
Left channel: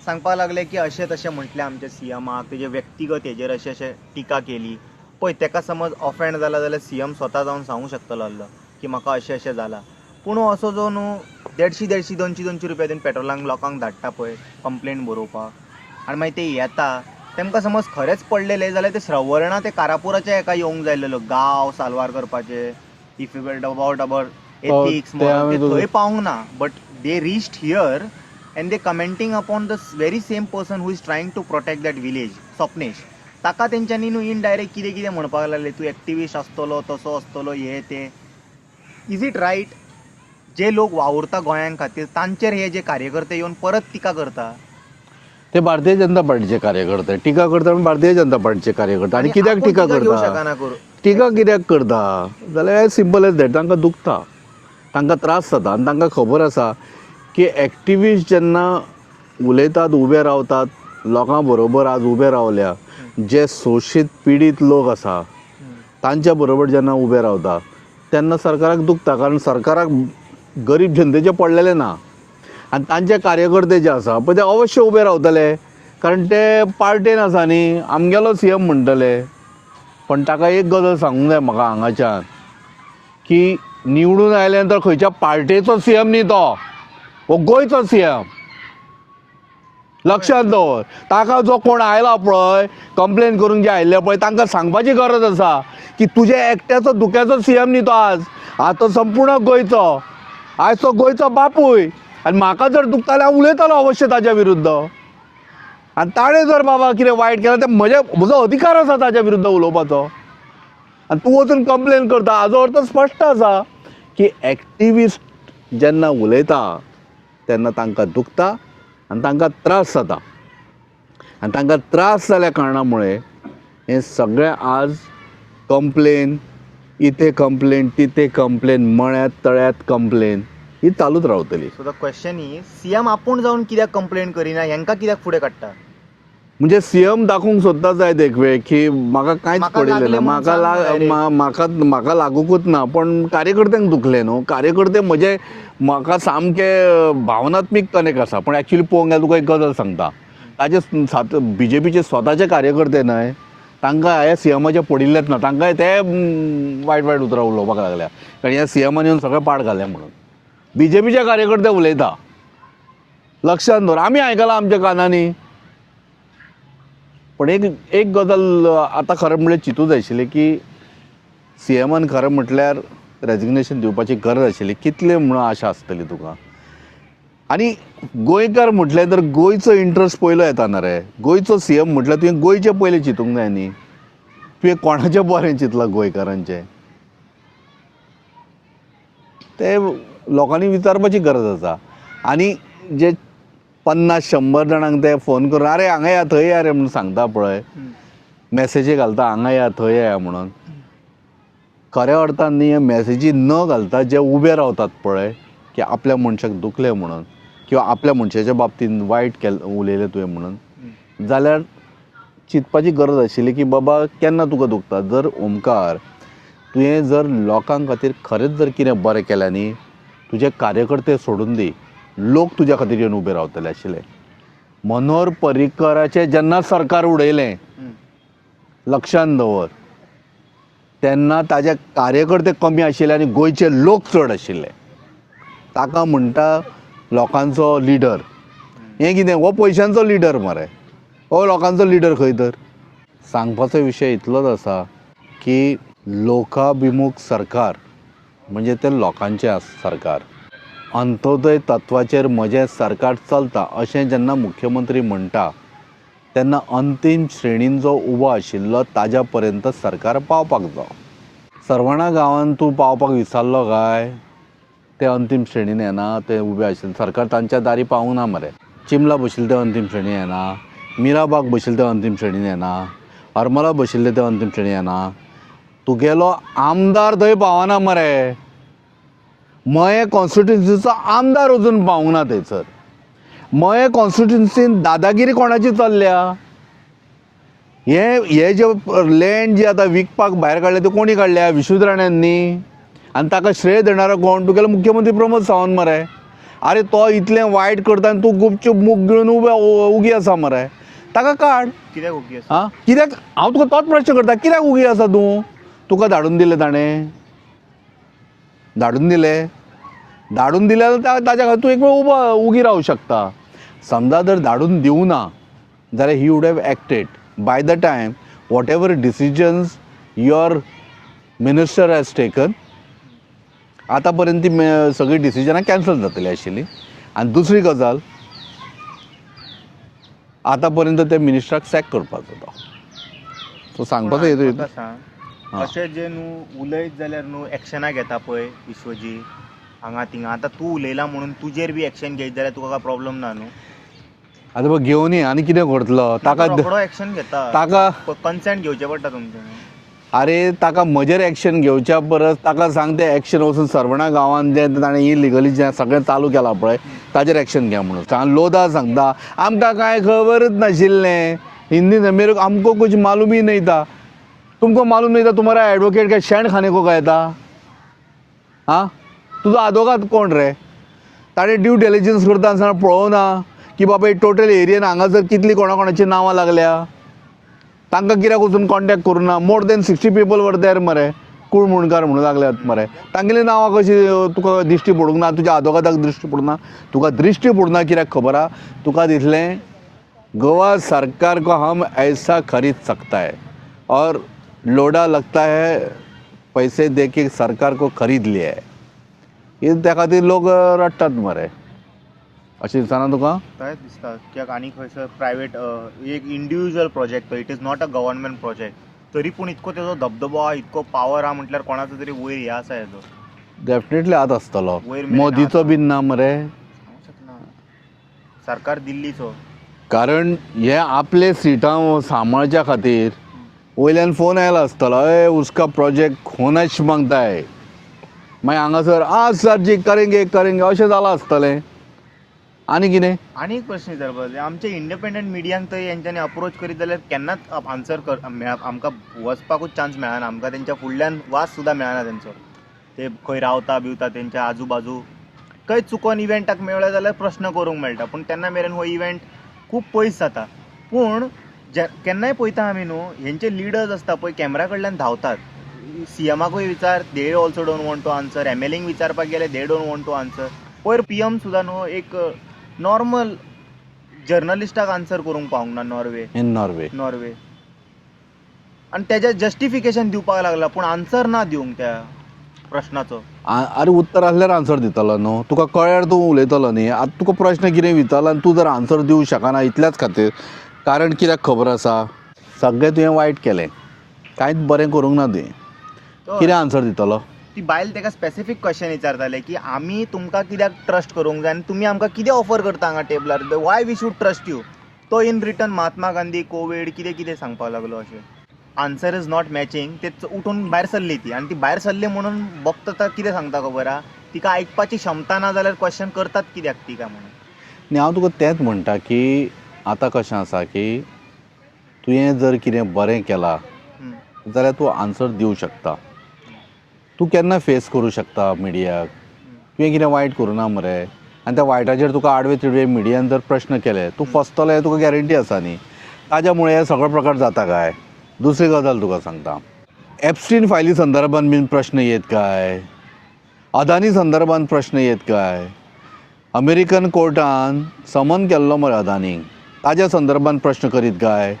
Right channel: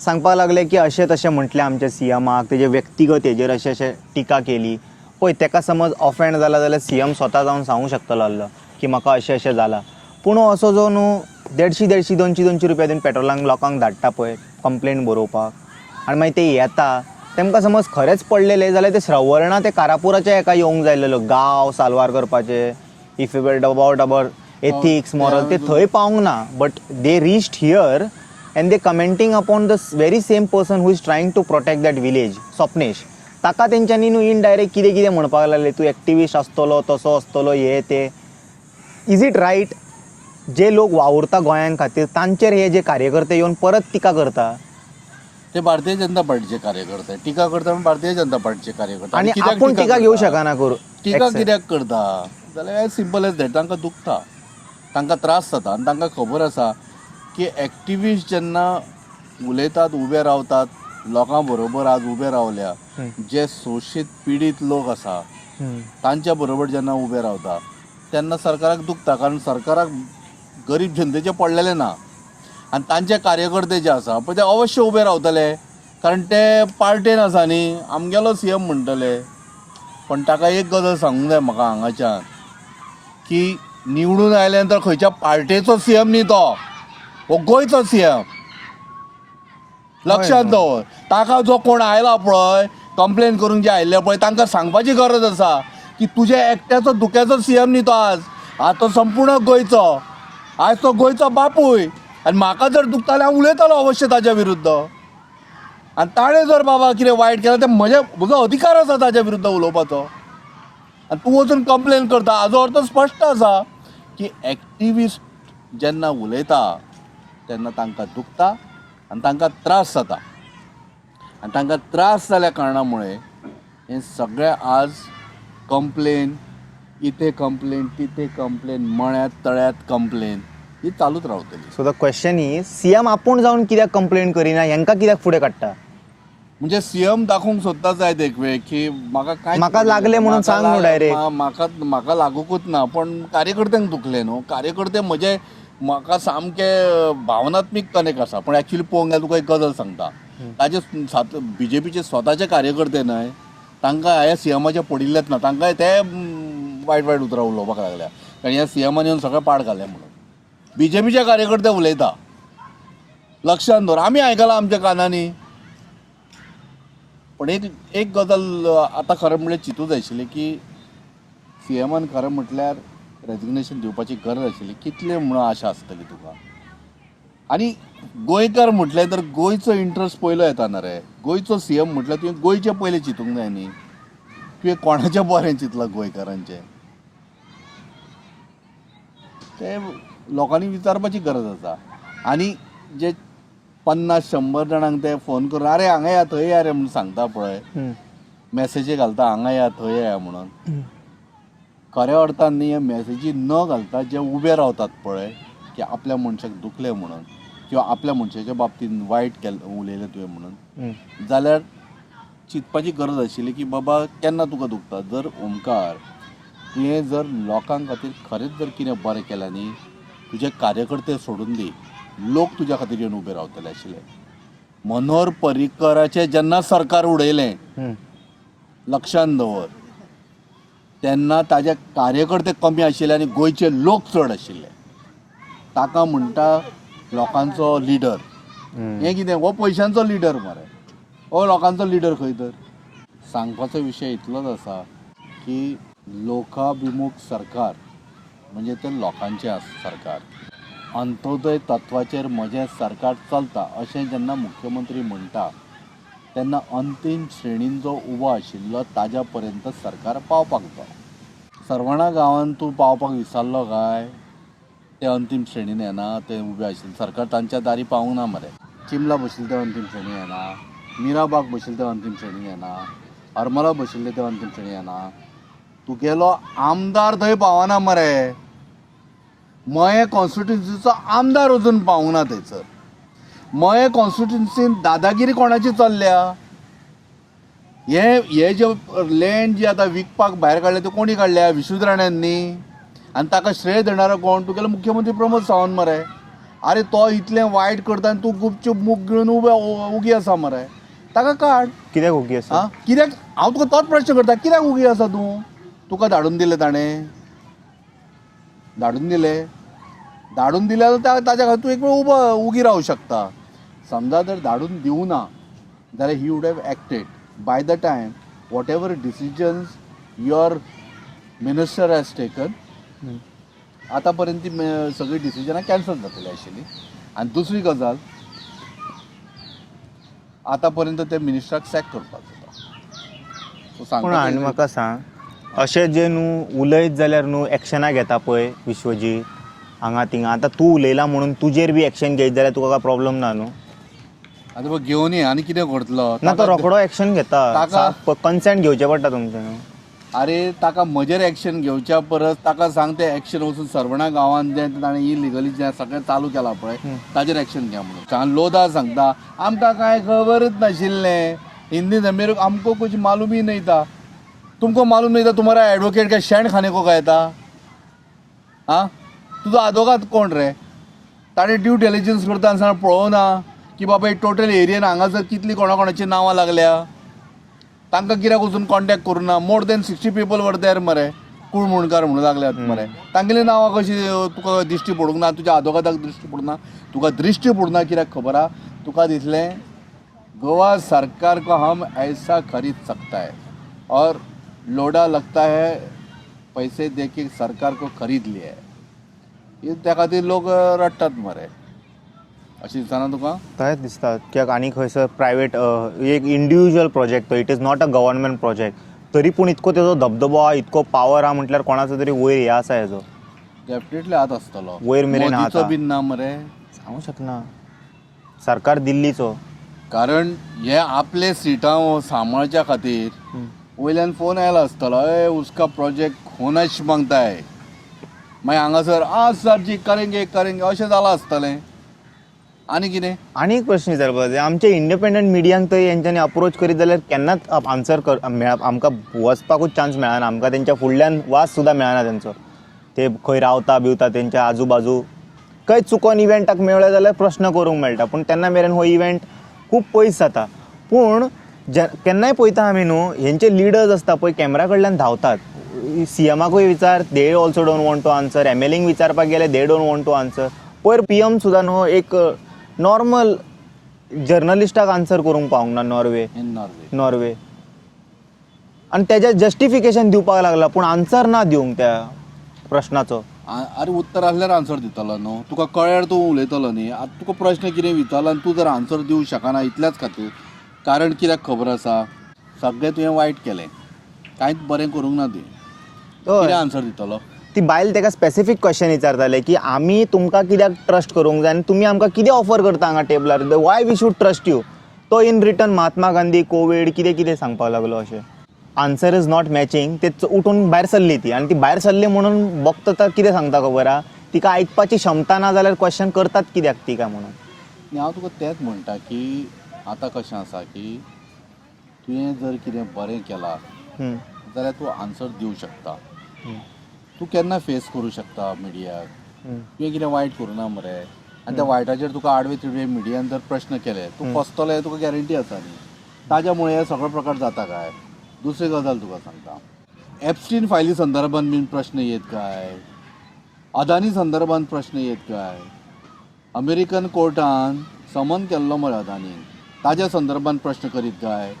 सांगपाक लागले की अशें तशें म्हटलें आमच्या सीएमाक, तेजे व्यक्तिगत हेजेर अशें टिका केली. पळय ताका समज ऑफेंड जाला जाल्यार सीएम स्वता जावन सांगूंक शकतलो आसलो की म्हाका अशें अशें जालां. पूण असो जो न्हू 150-200 रुपया दिवन पेट्रोलांक लोकांक धाडटा पळय कंप्लेंट बरोवपाक, आनी मागीर ते येता तांकां समज खरेंच पडलेले जाल्यार ते श्रवणा ते कारापुराचे एका येवंक जाय आसलेलो गांव साल्वार करपाचे. If you weld about ethics moral ते थंय पावूंक ना. But they reached here and they commenting upon the very same person who is trying to protect that village, Swapnesh. ताका तेंच्यांनी न्हू इनडायरेक्ट कितें कितें म्हणपाक लागले, तूं एक्टिविस्ट आसतलो तसो आसतलो हे ते. Is it right? जे लोक वावुरता गोंयां खातीर तांचेर हे जे कार्यकर्ते येवन परत टिका करता. ते भारतीय जनता पार्टीचे कार्यकर्ते टिका करता, भारतीय जनता पार्टीचे कार्यकर्ते. आनी कित्याक आपूण टिका घेवं करता? शकना करूं टिका कित्याक करता जाल्यार एज सिंपल एज दॅट. तांकां दुखता, तांकां त्रास जाता आनी तांकां खबर आसा की एक्टिविस्ट जेन्ना उलयतात, उबे रावतात, लोकां बरोबर आज उबे रावल्या, जे शोशीत पिडीत लोक आसा तांच्या बरोबर जेन्ना उबे रावता तेन्ना सरकाराक दुखता. कारण सरकाराक गरीब जनतेचे पडलेले ना आनी तांचे कार्यकर्ते जे आसा पळय ते अवश्य उबे रावतले, कारण ते पार्टेन आसा न्ही. आमगेलो सीएम म्हणटले. पण ताका एक गजाल सांगूंक जाय म्हाका हांगाच्यान की निवडून आयले नंतर खंयच्या पार्टेचो सीएम न्ही तो, हो गोंयचो सीएम. लक्षांत दवर. ताका जो कोण आयला पळय कंप्लेन करून जे आयिल्ले पळय तांकां सांगपाची गरज आसा की तुजे एकट्याचो धुक्याचो सीएम न्ही तो आज तो संपूर्ण गोंयचो. आज तो गोंयचो बापूय. आनी म्हाका जर दुखता जाल्यार हांव उलयतलो अवश्य ताच्या विरुद्ध. आनी ताणें जर बाबा कितें वायट केलें तें म्हजो अधिकार आसा ताच्या विरुद्ध उलोवपाचो. आनी तूं वचून कंप्लेन करता हाजो अर्थ स्पश्ट आसा की एक्टिविस्ट जेन्ना उलयता तेन्ना तांकां दुखता आनी तांकां त्रास जाता. आनी तांकां त्रास जाल्या कारणामुळे हें सगळें आज कंप्लेन, इथे कंप्लेन, तिथे कंप्लेन, मळ्यात तळ्यात कंप्लेन ही चालूच रावतली. So the question is CM आपूण जावन कित्याक कंप्लेंट करिना, हेंकां कित्याक फुडें काडटा? म्हणजे सीएम दाखोवंक सोदता जायत एक वेळ की म्हाका कांयच म्हाका लागलें म्हणून सांग न्हू direct. म्हाका लागूंकूच ना. पण कार्यकर्त्यांक दुखले न्हू. कार्यकर्ते म्हजे म्हाका सामके भावनात्मीक कनेक्ट आसा. पण एक्चुअली पळोवंक गेल्यार तुका एक गजाल सांगता, ताजे बीजेपीचे स्वताचे कार्यकर्ते न्हय तांकां ह्या सीएमाचे पडिल्लेच ना. तांकांय ते वायट वायट उतरां उलोवपाक लागल्या कारण ह्या सीएमान येवन सगळें पाड घालें म्हणून. बीजेपीचे कार्यकर्ते उलयता. लक्षांत दवर. आमी आयकलां आमच्या कानांनी. पण एक गजाल आतां खरें म्हणल्यार चिंतूं जाय आशिल्लें की सीएमान खरें म्हटल्यार रेजिग्नेशन दिवपाची गरज आशिल्ली. कितले म्हणून आशा आसतली तुका. आनी गोंयकार म्हटलें तर गोंयचो इंट्रस्ट पयलो येता ना रे. गोंयचो सीएम म्हटल्यार तुवें गोंयचें पयलें चिंतूंक जाय न्ही. तुवें कोणाचें बरें चिंतलां गोंयकारांचें ते लोकांनी विचारपाची गरज आसा. आनी जे 50-100 जाणांक ते फोन करून आरे हांगा या थंय या रे म्हणून सांगता पळय, मॅसेजी घालता हांगा या थंय या म्हणून, खऱ्या अर्थान न्ही हे मॅसेजी न घालता जे उबे रावतात पळय की आपल्या मनशाक दुखलें म्हणून किंवा आपल्या मनशाच्या बाबतीन वायट उलयलें तुवें म्हणून, जाल्यार चिंतपाची गरज आशिल्ली की बाबा केन्ना तुका दुखता. जर ओमकार तुवें जर लोकां खातीर खरेंच जर कितें बरें केलें न्ही, तुजे कार्यकर्ते सोडून दी, लोक तुज्या खातीर येवन उबे रावतले आशिल्ले. मनोहर पर्रीकराचें जेन्ना सरकार उडयलें लक्षांत दवर तेन्ना ताजे कार्यकर्ते कमी आशिल्ले आनी गोंयचे लोक चड आशिल्ले. ताका म्हणटा लोकांचो लिडर. हें कितें हो पयशांचो लिडर मरे. हो लोकांचो लिडर खंय तर. सांगपाचो विशय इतलोच आसा की लोकाभिमुख सरकार म्हणजे ते लोकांचें सरकार. अंत्योदय तत्वाचेर म्हजें सरकार चलता अशें जेन्ना मुख्यमंत्री म्हणटा तेन्ना अंतीम श्रेणीन जो उबो आशिल्लो ताज्या पर्यंत सरकार पावपाक जाय. सरवणा गांवांत तूं पावपाक विसरलो काय ते अंतीम श्रेणीन येना, ते उबे आशिल्ले सरकार तांच्या दारी पावूंक ना मरे. चिमला बशिल्ले ते अंतीम श्रेणी येना, मिराबाग बशिल्ले ते अंतीम श्रेणीन येना, हरमला बशिल्ले ते अंतीम श्रेणी येना. तुगेलो आमदार थंय पावना मरे. मये कॉन्स्टिट्युन्सीचो आमदार अजून पावूंक ना थंयसर. मये कॉन्स्टिट्युन्सीन दादागिरी कोणाची चल्ल्या? हे जे लँड जी आतां विकपाक भायर काडल्या ती कोणी काडल्या? विश्वजीत राण्यांनी. आनी ताका श्रेय देणारो कोण? तुगेलो मुख्यमंत्री प्रमोद सावंत मरे. अरे तो इतलें वायट करता आनी तूं गुपचूप मूग गिळून उगी आसा मरे. ताका काड. कित्याक ओके आसा? हां कित्याक? हांव तुका तोच प्रश्न करता, कित्याक उगी आसा तूं? तुका धाडून दिलें ताणें? धाडून दिलें जाल्यार ताच्या खातीर तूं एक वेळ उगी रावूं शकता. समजा जर धाडून दिवं ना जाल्यार he would have acted by the time what ever decisions your minister has taken. आतां पर्यंत ती सगळीं डिसिजनां कॅन्सल जातली आशिल्ली. आनी दुसरी गजाल, आतां पर्यंत त्या मिनिस्टराक सॅक करपाचो तो. सो पूण हांवें सांगपाचो म्हाका सांग, अशें जे न्हू उलयत जाल्यार न्हू एक्शनां घेता पळय विश्वजीत हांगा थिंगा, आतां तूं उलयला म्हणून तुजेर बी एक्शन घेयत जाल्यार तुका काय प्रॉब्लम ना न्हू? आतां पळय घेवन ये आनी कितें करतलो ताका रोखडो एक्शन घेता. ताका कन्सेंट घेवचें पडटा तुमचें. अरे ताका म्हजेर एक्शन घेवच्या परस ताका सांग तें एक्शन वचून सरवणा गांवांत जें ताणें इलिगली जें सगळें चालू केलां पळय ताचेर एक्शन घ्या म्हणून. सांग लोदा सांगता आमकां कांय खबरच नाशिल्लें, हिंदी मेरे आमको कुछ मालूम ही नहीं था. तुमको मालूम नहीं था? तुम्हारा एडवोकेट क्या शेण खाने को गया था? हाँ तुजो आदवोगाद कोण रे? ताणें ड्यू डिलिजन्स करता आसतना पळोवना की बाबा टोटल एरियेन हांगासर कितलीं कोणाची नांवां लागल्या? तांकां कित्याक वचून कॉन्टॅक्ट करूना? More than 60 people were there मरे, कुळमुणकार म्हणून लागल्यात मरे. तांगेली नांवां कशी तुका दिश्टी पडूंक ना? तुज्या आदवोगादाक दृश्टी पडना? तुका दृश्टी पडना कित्याक खबर आहा? तुका दिसलें गोवा सरकार को हम ऐसा खरीद सकता है और लोडा लगता है पैसे दे के सरकार को खरीद लिया है. हे त्या खातीर लोक रडटात मरे. अशें दिसना तुका? थंयच दिसता. कित्याक आनी खंयसर प्रायवेट एक इंडिविज्युअल प्रोजेक्ट तो, it is not a government project, तरी पूण इतको तेजो धबधबो आहा, इतको पावर आहा म्हटल्यार कोणाचो तरी वयर हे आसा हेजो. डेफिनेटली आत आसतलो. वयर मेरेन मोदीचो आतां. बीन ना मरे. सांगूं शकना. सरकार दिल्लीचो. कारण हे आपले सिटां सांबाळच्या खातीर वयल्यान फोन आयला आसतलो, ए उसका प्रोजेक्ट होनाच मागता है. मागीर हांगासर सर जी करेंगे करेंगे अशें जालां आसतलें. आनी कितें? आनी एक प्रश्न विचारपाक जाय. आमचे इंडिपेंडंट मिडियांक थंय हेंच्यांनी अप्रोच करीत जाल्यार केन्नाच आन्सर आमकां वचपाकूच चान्स मेळना. आमकां तेंच्या फुडल्यान वास सुद्दां मेळना तेंचो. ते खंय रावता बिवता तेंच्या आजू बाजू खंय चुकोन इव्हेंटाक मेळ्ळे जाल्यार प्रश्न करूंक मेळटा. पूण तेन्ना मेरेन हो इव्हेंट खूब पयस जाता. पूण केन्नाय पळयता आमी न्हू, हेंचे लिडर्स आसता पळय कॅमेरा कडल्यान धांवतात. सीएमाकूय विचार, they also don't want to answer. एमएलएंक विचारपाक गेले, they don't want to answer. पयर पीएम सुद्दां न्हू एक नॉर्मल जर्नलिस्टाक आन्सर करूंक पावूंक ना. नॉर्वे आनी तेजें जस्टिफिकेशन दिवपाक लागला, पूण आन्सर ना दिवंक त्या प्रश्नाचो. अरे उत्तर आसल्यार आन्सर दितलो न्हू. तुका कळ्यार तूं उलयतलो न्ही. आतां तुका प्रश्न कितें विचारला आनी तूं जर आन्सर दिवंक शकना इतल्याच खातीर. कारण कित्याक खबर आसा, सगळें तुवें वायट केलें, कांयच बरें करूंक ना तुवें. कितें आन्सर दितलो? ती बायल तेका स्पेसिफीक क्वेश्चन विचारताले की आमी तुमकां कित्याक ट्रस्ट करूंक जाय आनी तुमी आमकां कितें ऑफर करता हांगा टेबलार, why we should trust you. तो in return Mahatma Gandhi, Covid कितें कितें सांगपाक लागलो. अशें आन्सर इज नॉट मॅचिंग. ते उठून भायर सरली ती. आनी ती भायर सरली म्हणून बघता कितें सांगता खबर आहा, तिका आयकपाची क्षमता ना जाल्यार क्वेश्चन करतात कित्याक ती काय म्हणून. आनी हांव तुका तेंच म्हणटा की आतां कशें आसा की तुवें जर कितें बरें केलां जाल्यार तूं आन्सर दिवंक शकता. तूं केन्ना फेस करूं शकता मिडियाक. तुवें कितें वायट करूं ना मरे. आनी त्या वायटाचेर तुका आडवे तिडवे मिडियान जर प्रश्न केले, तूं फसतलो हें तुका गॅरंटी आसा न्ही. ताज्या मुळे हे सगळो प्रकार जाता काय? दुसरी गजाल तुका सांगता, एप्स्टीन फायली संदर्भान बीन प्रश्न येत काय? अदानी संदर्भान प्रश्न येत काय? अमेरिकन कोर्टान समन केल्लो मरे अदानीक, ताज्या संदर्भान प्रश्न करीत काय?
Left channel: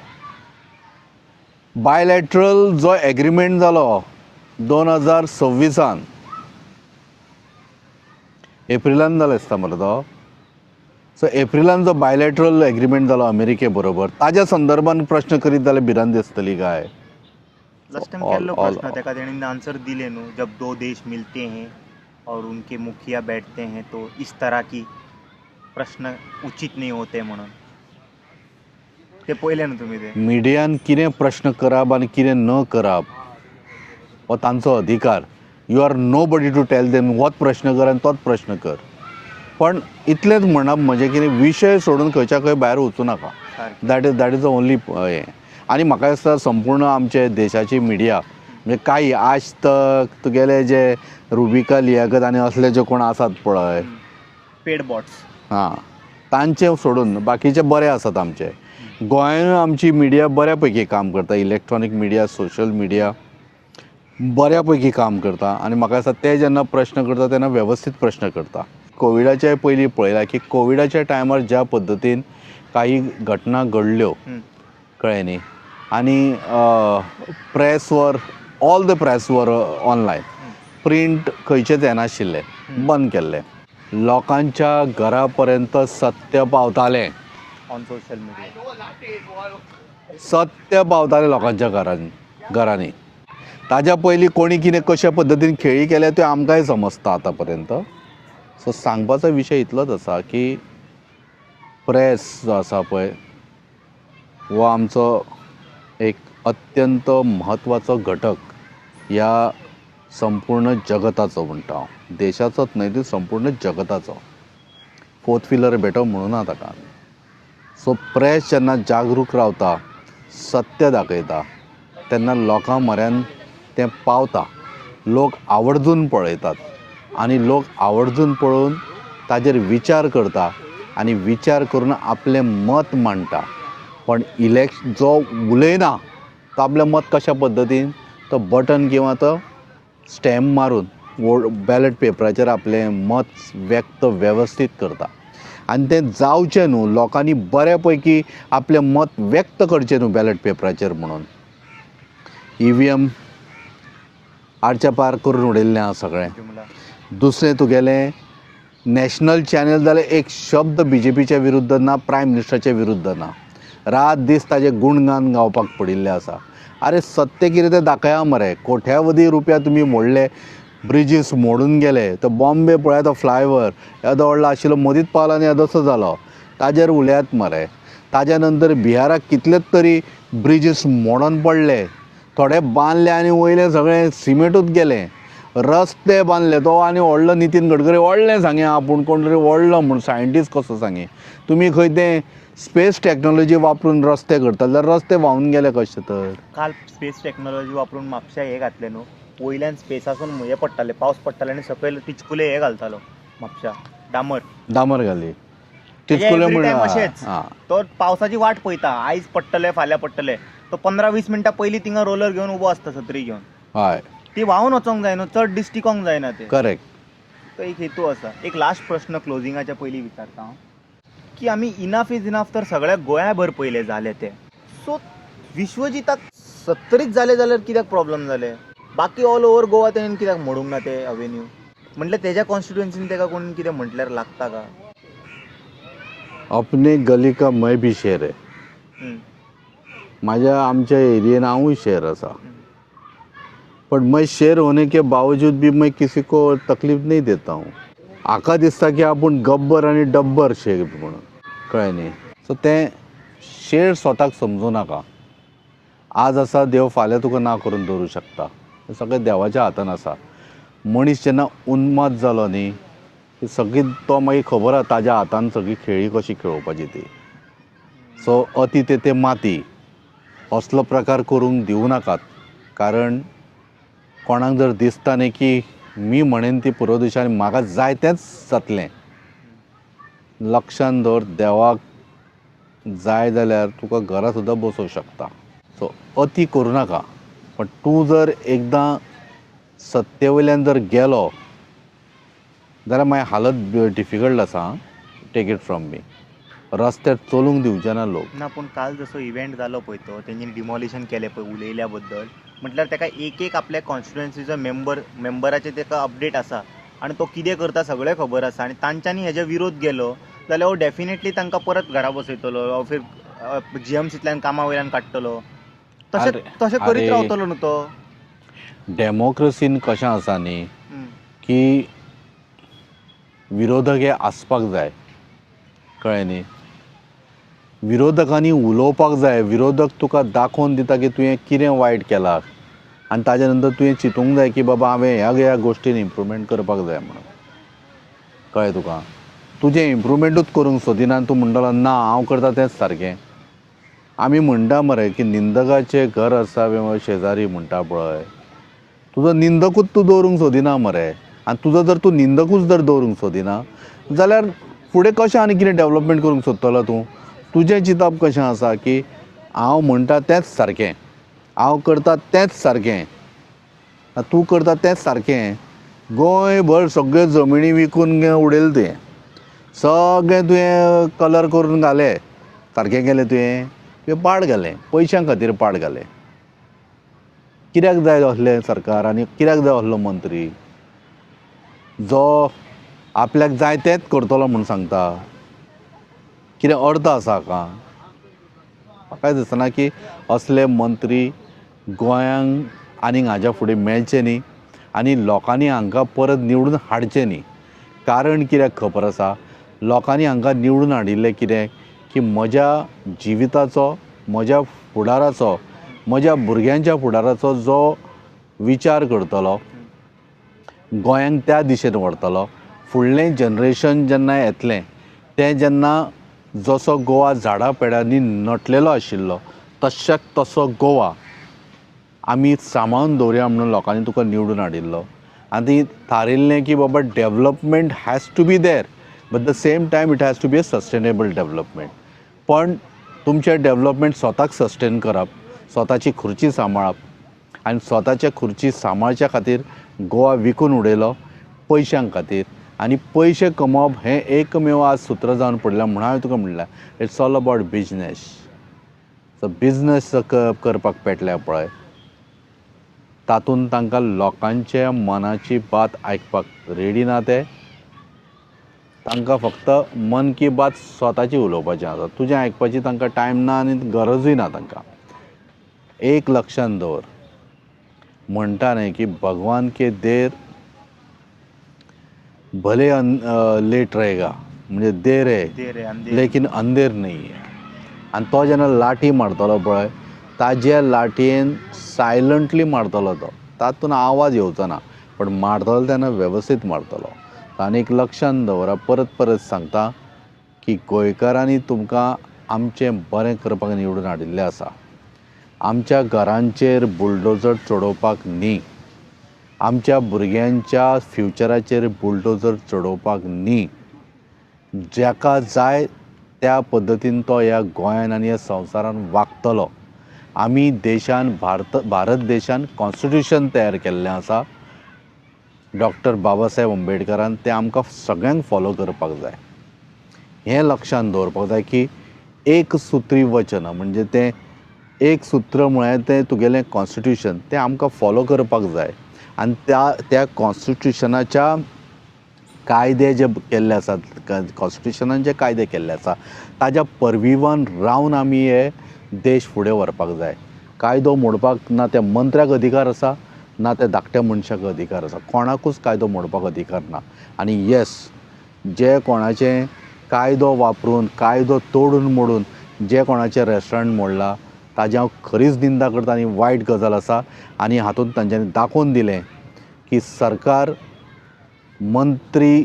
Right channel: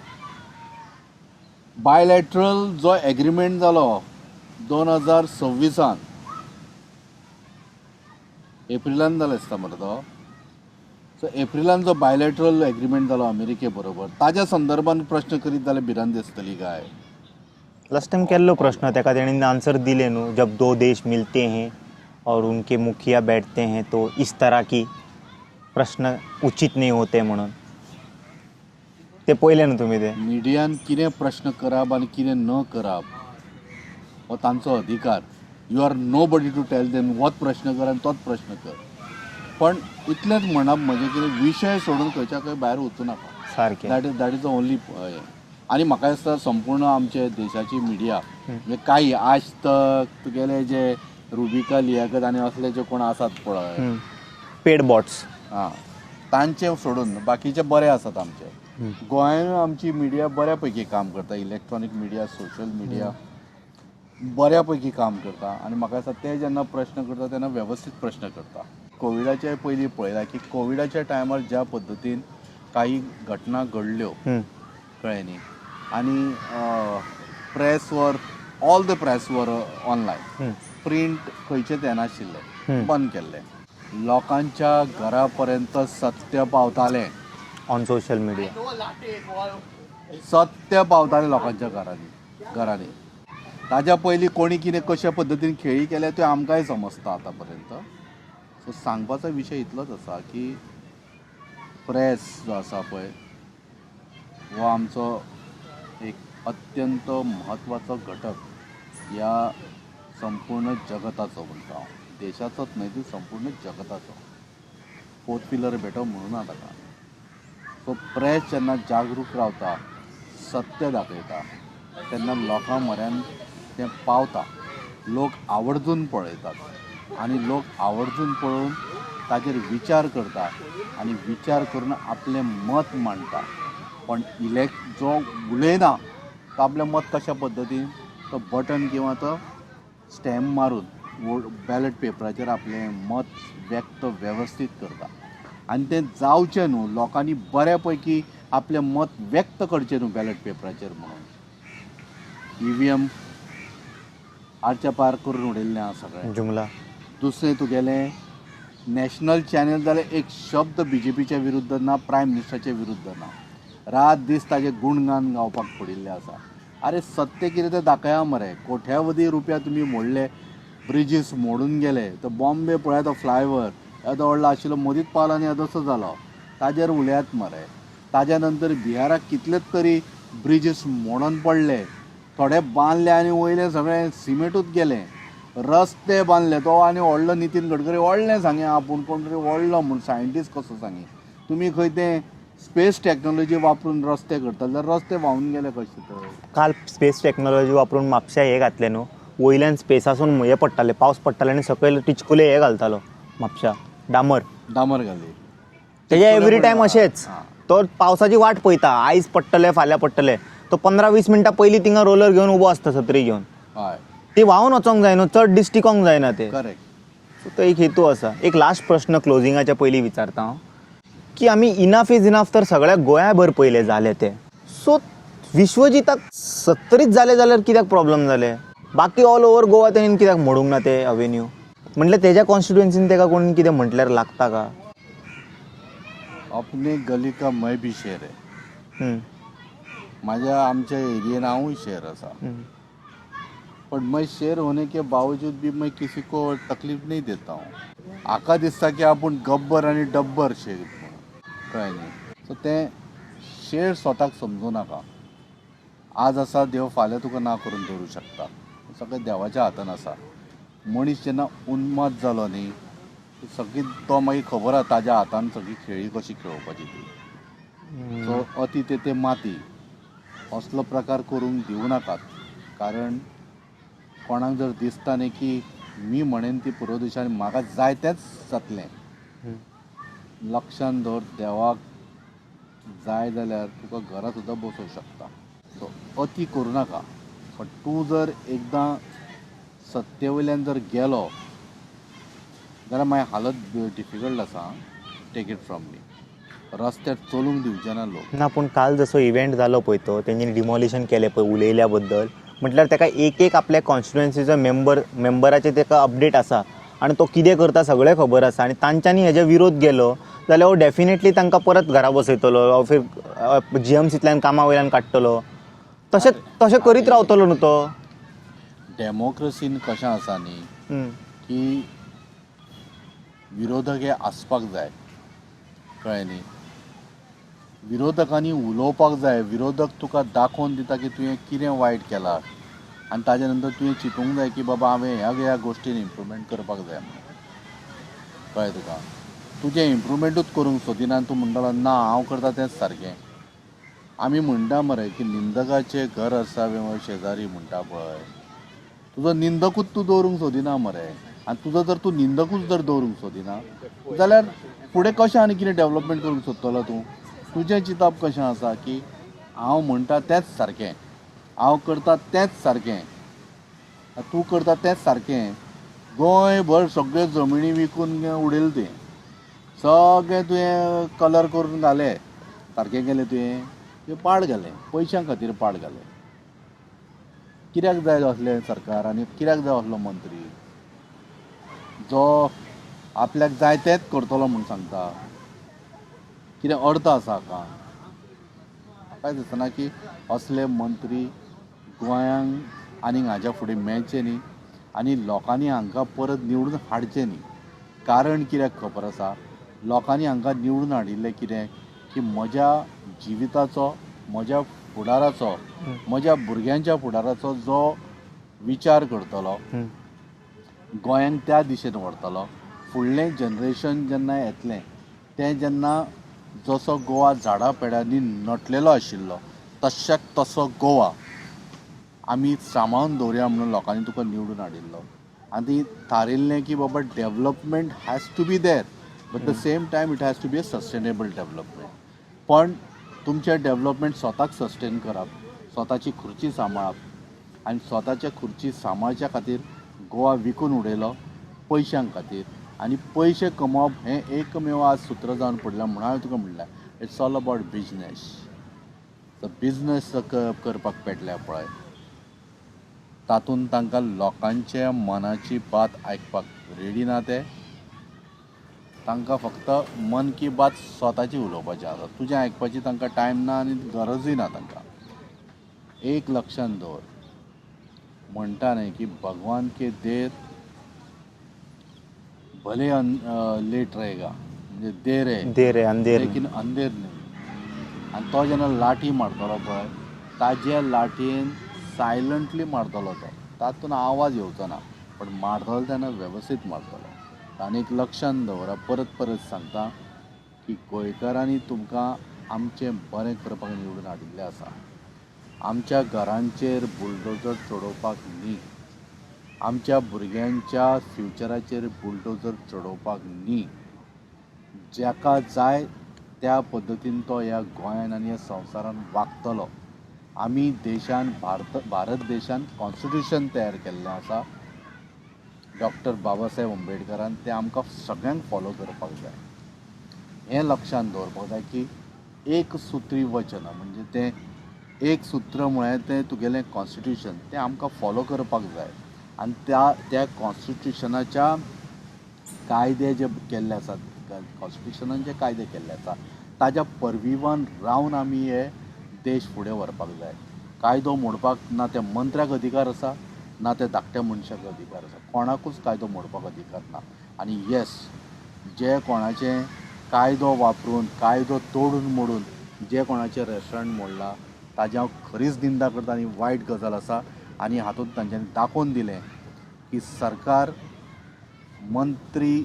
बायलॅटरल जो एग्रीमेंट जालो 2026 एप्रिलान जालो आसता मरे तो. सो एप्रिलान जो बायलॅटरल एग्रीमेंट जालो अमेरिके बरोबर, ताज्या संदर्भान प्रश्न करीत जाल्यार भिरांत दिसतली काय? लास्ट टाइम केल्लो प्रश्न तेका तेणीन आन्सर दिले न्हू. जब दो देश मिलते हैं और उनके मुखिया बैठते हैं तो इस तरह की प्रश्न उचित नाही होते म्हणून ते पळयलें न्हू तुमी ते मिडियान कितें प्रश्न करप आनी कितें न करप हो तांचो अधिकार. You are nobody to tell them होच प्रश्न कर आनी तोच प्रश्न कर. पण इतलेंच म्हणप म्हणजे कितें विशय सोडून खंयच्या खंय भायर वचूं नाका. सारकें. दॅट इज द ओन्ली हें. आनी म्हाका दिसता संपूर्ण आमचे देशाची मिडिया म्हणजे काही आज तक तुगेले जे रुबिका लियाकत आनी असले जे कोण आसात पळय पेड बॉट्स हां तांचे सोडून बाकीचे बरे आसात आमचे. गोंयांत आमची मिडिया बऱ्या पैकी काम करता. इलेक्ट्रॉनीक मिडिया सोशल मिडिया बऱ्या पैकी काम करता आनी म्हाका दिसता ते जेन्ना प्रश्न करता तेन्ना वेवस्थीत प्रश्न करता. कोविडाच्या पयलीं पळयलां की कोविडाच्या टायमार ज्या पद्दतीन काही घटना घडल्यो कळ्ळें न्ही आनी प्रेसवर ऑल द प्रेसवर ऑनलायन प्रिंट खंयचेच हें नाशिल्लें बंद केल्लें. लोकांच्या घरा पर्यंत सत्य पावतालें. ऑन सोशल मिडिया सत्य पावतालें लोकांच्या घरांनी. ताज्या पयलीं कोणी कितें कशा पद्दतीन खेळी केल्या त्यो आमकांय समजता आतां पर्यंत. सो सांगपाचो विशय इतलोच आसा की प्रेस जो आसा पळय हो आमचो एक अत्यंत म्हत्वाचो घटक ह्या संपूर्ण जगताचो म्हणटा हांव. देशाचोच न्हय तर संपूर्ण जगताचो. फोर्थ पिलर भेटो म्हणूना ताका. सो प्रेस जेन्ना जागरूक रावता सत्य दाखयता तेन्ना लोकां म्हऱ्यान तें पावता. लोक आवर्जून पळयतात आनी लोक आवर्जून पळोवन ताजेर विचार करता आनी विचार करून आपलें मत मांडटा. पण जो उलयना तो आपलें मत कशा पद्दतीन तो बटन किंवा तो स्टॅम्प मारून बॅलेट पेपराचेर आपलें मत व्यक्त वेवस्थीत करता. आनी तें जावचें न्हू लोकांनी बऱ्या पैकी आपलें मत व्यक्त करचें न्हू बॅलेट पेपराचेर म्हणून EVM आडच्या पार करून उडयल्लें आहा सगळें जुमला. दुसरें तुगेलें नॅशनल चॅनल जाल्यार एक शब्द BJPच्या विरुद्ध ना प्रायम मिनिस्टराच्या विरुद्ध ना. रात दीस ताजे गुणगान गावपाक पडिल्ले आसा. आरे सत्य कितें तें दाखया मरे. कोट्यावधी रुपया तुमी मोडले ब्रिजीस मोडून गेले. तो बॉम्बे पळया तो फ्लायओवर येदो व्हडलो आशिल्लो मदींच पावलो आनी येदोसो जालो. ताजेर उलयात मरे. ताज्या नंतर बिहाराक कितलेच तरी ब्रिजीस मोडून पडले. थोडे बांदले आनी वयले सगळे सिमेंटूच गेले. रस्ते बांदले. तो आनी व्हडलो नितीन गडकरी व्हडलें सांगे आपूण कोण तरी व्हडलो म्हूण सायंटिस्ट कसो सांगे. तुमी खंय तें स्पेस टॅक्नॉलॉजी वापरून रस्ते करता जाल्यार रस्ते व्हांवून गेले कशे तर. काल स्पेस टॅक्नॉलॉजी वापरून म्हापश्या हे घातले न्हू. वयल्यान स्पेसासून हे पडटाले पावस पडटाले आनी सकयल टिचकुले हे घालतालो म्हापश्या डामर घाली. तेजे एवरी टायम अशेंच. तो पावसाची वाट पळयता. आयज पडटले फाल्यां पडटले. तो 15-20 मिनटां पयलीं थिंगा रोलर घेवन उबो आसता सत्री घेवन. हय ती व्हांवून वचोंक जाय न्हू. चड डिस्टिकोंक जायना ते. करेक्ट. तो एक हेतू आसा. एक लास्ट प्रश्न क्लोजिंगाच्या पयलीं विचारता हांव की आमी इनफ इज इनफ तर सगळ्या गोंयाभर पयले जाले ते. सो विश्वजिताक 70च जाले जाल्यार कित्याक प्रॉब्लेम जाले. बाकी ऑल ओव्हर गोवा तेणेन कित्याक मोडूंक ना ते अवेन्यू. म्हणल्यार तेज्या कॉन्स्टिट्युएन्सीन तेका कोण कितें म्हटल्यार लागता का. अपने गली का मैं भी शेर है. माझ्या आमच्या एरियेन हांवूय शेर आसा. पण मैं शेर होने के बावजूद भी मैं किसी को तकलीफ नहीं देता हूँ. हाका दिसता की आपूण गब्बर आनी डब्बर शेर म्हणून कळ्ळें न्ही. सो तें शेर स्वताक समजूं नाका. आज आसा देव फाल्यां तुका ना करून दवरूं शकता. हें सगळें देवाच्या हातान आसा. मनीस जेन्ना उन्माद जालो न्ही ती सगळी तो मागीर खबर आसा ताज्या हातान सगळी खेळी कशी खेळोवपाची ती. सो अति तेथे माती असलो प्रकार करूंक दिवं नाकात. कारण कोणाक जर दिसता न्ही की मी म्हणेन ती पुरो दिशांनी म्हाका जाय तेंच जातलें लक्षांत दवर. देवाक जाय जाल्यार तुका घरा सुद्दां बसोवंक शकता. सो अति करूं नाका. पण तूं जर एकदां सत्ते वयल्यान जर गेलो जाल्यार मागीर हालत डिफिकल्ट आसा. Take it from me. रस्त्यार चलूंक दिवचे ना लोक. ना पूण काल जसो इव्हेंट जालो पळय तो तेंच्यांनी डिमॉलिशन केलें पळय उलयल्या बद्दल म्हटल्यार तेका एक आपल्या कॉन्स्टिट्युएन्सीचो मेंबराचे तेका अपडेट आसा आनी तो कितें करता सगळें खबर आसा. आनी तांच्यांनी हेजे विरोध केलो जाल्यार हो डेफिनेटली तांकां परत घरा बसयतलो. GMCंतल्यान कामा वयल्यान काडटलो. तशें करीत रावतलो न्हू तो. डेमोक्रेसीन कशें आसा न्ही की विरोधक हे आसपाक जाय कळ्ळें न्ही. विरोधकांनी उलोवपाक जाय. विरोधक तुका दाखोवन दिता की तुवें कितें वायट केलां आनी ताजे नंतर तुवें चिंतूंक जाय की बाबा हांवें ह्या गोश्टीन इम्प्रुवमेंट करपाक जाय म्हणून. कळ्ळें तुका. तुजें इम्प्रुवमेंटूच करूंक सोदिना आनी तूं म्हणटलो ना हांव करता तेंच सारकें. आमी म्हणटा मरे की निंदकाचें घर असावें शेजारी म्हणटा पळय, तुजो निंदकूच तूं दवरूंक सोदिना मरे. आनी तुजो जर तूं निंदकूच जर दवरूंक सोदिना जाल्यार फुडें कशें आनी कितें डेवलपमेंट करूंक सोदतलो तूं. तुजें चिंतप कशें आसा की हांव म्हणटा तेंच सारकें, हांव करता तेंच सारकें, तूं करता तेंच सारकें. गोंयभर सगळ्यो जमिनी विकून उडयले तुवें, सगळें तुवें कलर करून घाले, सारकें केलें तुवें पाड घालें, पयशां खातीर पाड घालें. कित्याक जाय असलें सरकार आनी कित्याक जाय असलो मंत्री जो आपल्याक जाय तेंच करतलो म्हूण सांगता. कितें अर्थ आसा हाका? म्हाका दिसना की असले मंत्री गोंयांक आनीक हाज्या फुडें मेळचे न्ही आनी लोकांनी हांकां परत निवडून हाडचें न्ही. कारण कित्याक खबर आसा, लोकांनी हांकां निवडून हाडिल्लें कितें की म्हज्या जिविताचो, म्हज्या फुडाराचो, म्हज्या भुरग्यांच्या फुडाराचो जो विचार करतलो, गोंयांक त्या दिशेन व्हरतलो. फुडलें जनरेशन जेन्ना येतलें तें जेन्ना जसो गोवा झाडां पेडांनी नटलेलो आशिल्लो तशाक तसो गोवा आमी सांबाळून दवरया म्हणून लोकांनी तुका निवडून हाडिल्लो. आनी थारिल्लें की बाबा development has to be there, but the same time it has to be a sustainable development. पण तुमचें डेवलपमेंट स्वताक सस्टेन करप, स्वताची खुर्ची सांबाळप आनी स्वताचे खुर्ची सांबाळच्या खातीर गोवा विकून उडयलो पयशां खातीर. आनी पयशे कमोवप हें एकमेव आज सूत्र जावन पडलां. म्हणून हांवें तुका म्हणलां it's all about business. So business करपाक पेटल्या पळय तातूंत तांकां लोकांच्या मनाची बात आयकपाक रेडी ना. ते तांकां फक्त मन की बात स्वताची उलोवपाचें आसा, तुजें आयकपाची तांकां टायम ना आनी गरजूय ना तांकां. एक लक्षांत दवर, म्हणटा न्ही की भगवान के देर भले लेट रहेगा, म्हणजे देर है अंधेर लेकिन अंधेर नाही आहे. आनी तो जेन्ना लाठी मारतलो पळय ताज्या लाटयेन सायलंटली मारतलो तो, तातूंत आवाज येवचो ना, पण मारतलो तेन्ना वेवस्थीत मारतलो. आनी एक लक्षांत दवरा, परत परत सांगता की गोंयकारांनी तुमकां आमचें बरें करपाक निवडून हाडिल्लें आसा. आमच्या घरांचेर बुलडोजर चडोवपाक न्ही, आमच्या भुरग्यांच्या फ्युचराचेर बुलडोजर चडोवपाक न्ही. जाका जाय त्या पद्दतीन तो ह्या गोंयान आनी ह्या संवसारान वागतलो. आमी देशान भारत देशान कॉन्स्टिट्यूशन तयार केल्लें आसा डॉक्टर बाबासाहेब आंबेडकरान. तें आमकां सगळ्यांक फॉलो करपाक जाय. हें लक्षांत दवरपाक जाय की एक सुत्री वचन म्हणजे तें एक सूत्र म्हळ्यार तें तुगेलें कॉन्स्टिट्यूशन, तें आमकां फॉलो करपाक जाय. आनी त्या कॉन्स्टिट्यूशनाच्या कायदे जे केल्ले आसात, कॉन्स्टिट्यूशनान जे कायदे केल्ले आसा ताज्या परविवन रावन आमी हे देश फुडें व्हरपाक जाय. कायदो मोडपाक ना त्या मंत्र्याक अधिकार आसा ना त्या धाकट्या मनशाक अधिकार आसा. कोणाकूच कायदो मोडपाक अधिकार ना. आनी येस, जे कोणाचें कायदो वापरून कायदो तोडून मोडून जे कोणाचें रेस्टॉरंट मोडलां ताजी हांव खरीच निंदा करता आनी वायट गजाल आसा. आनी हातूंत तांच्यांनी दाखोवन दिलें की सरकार मंत्री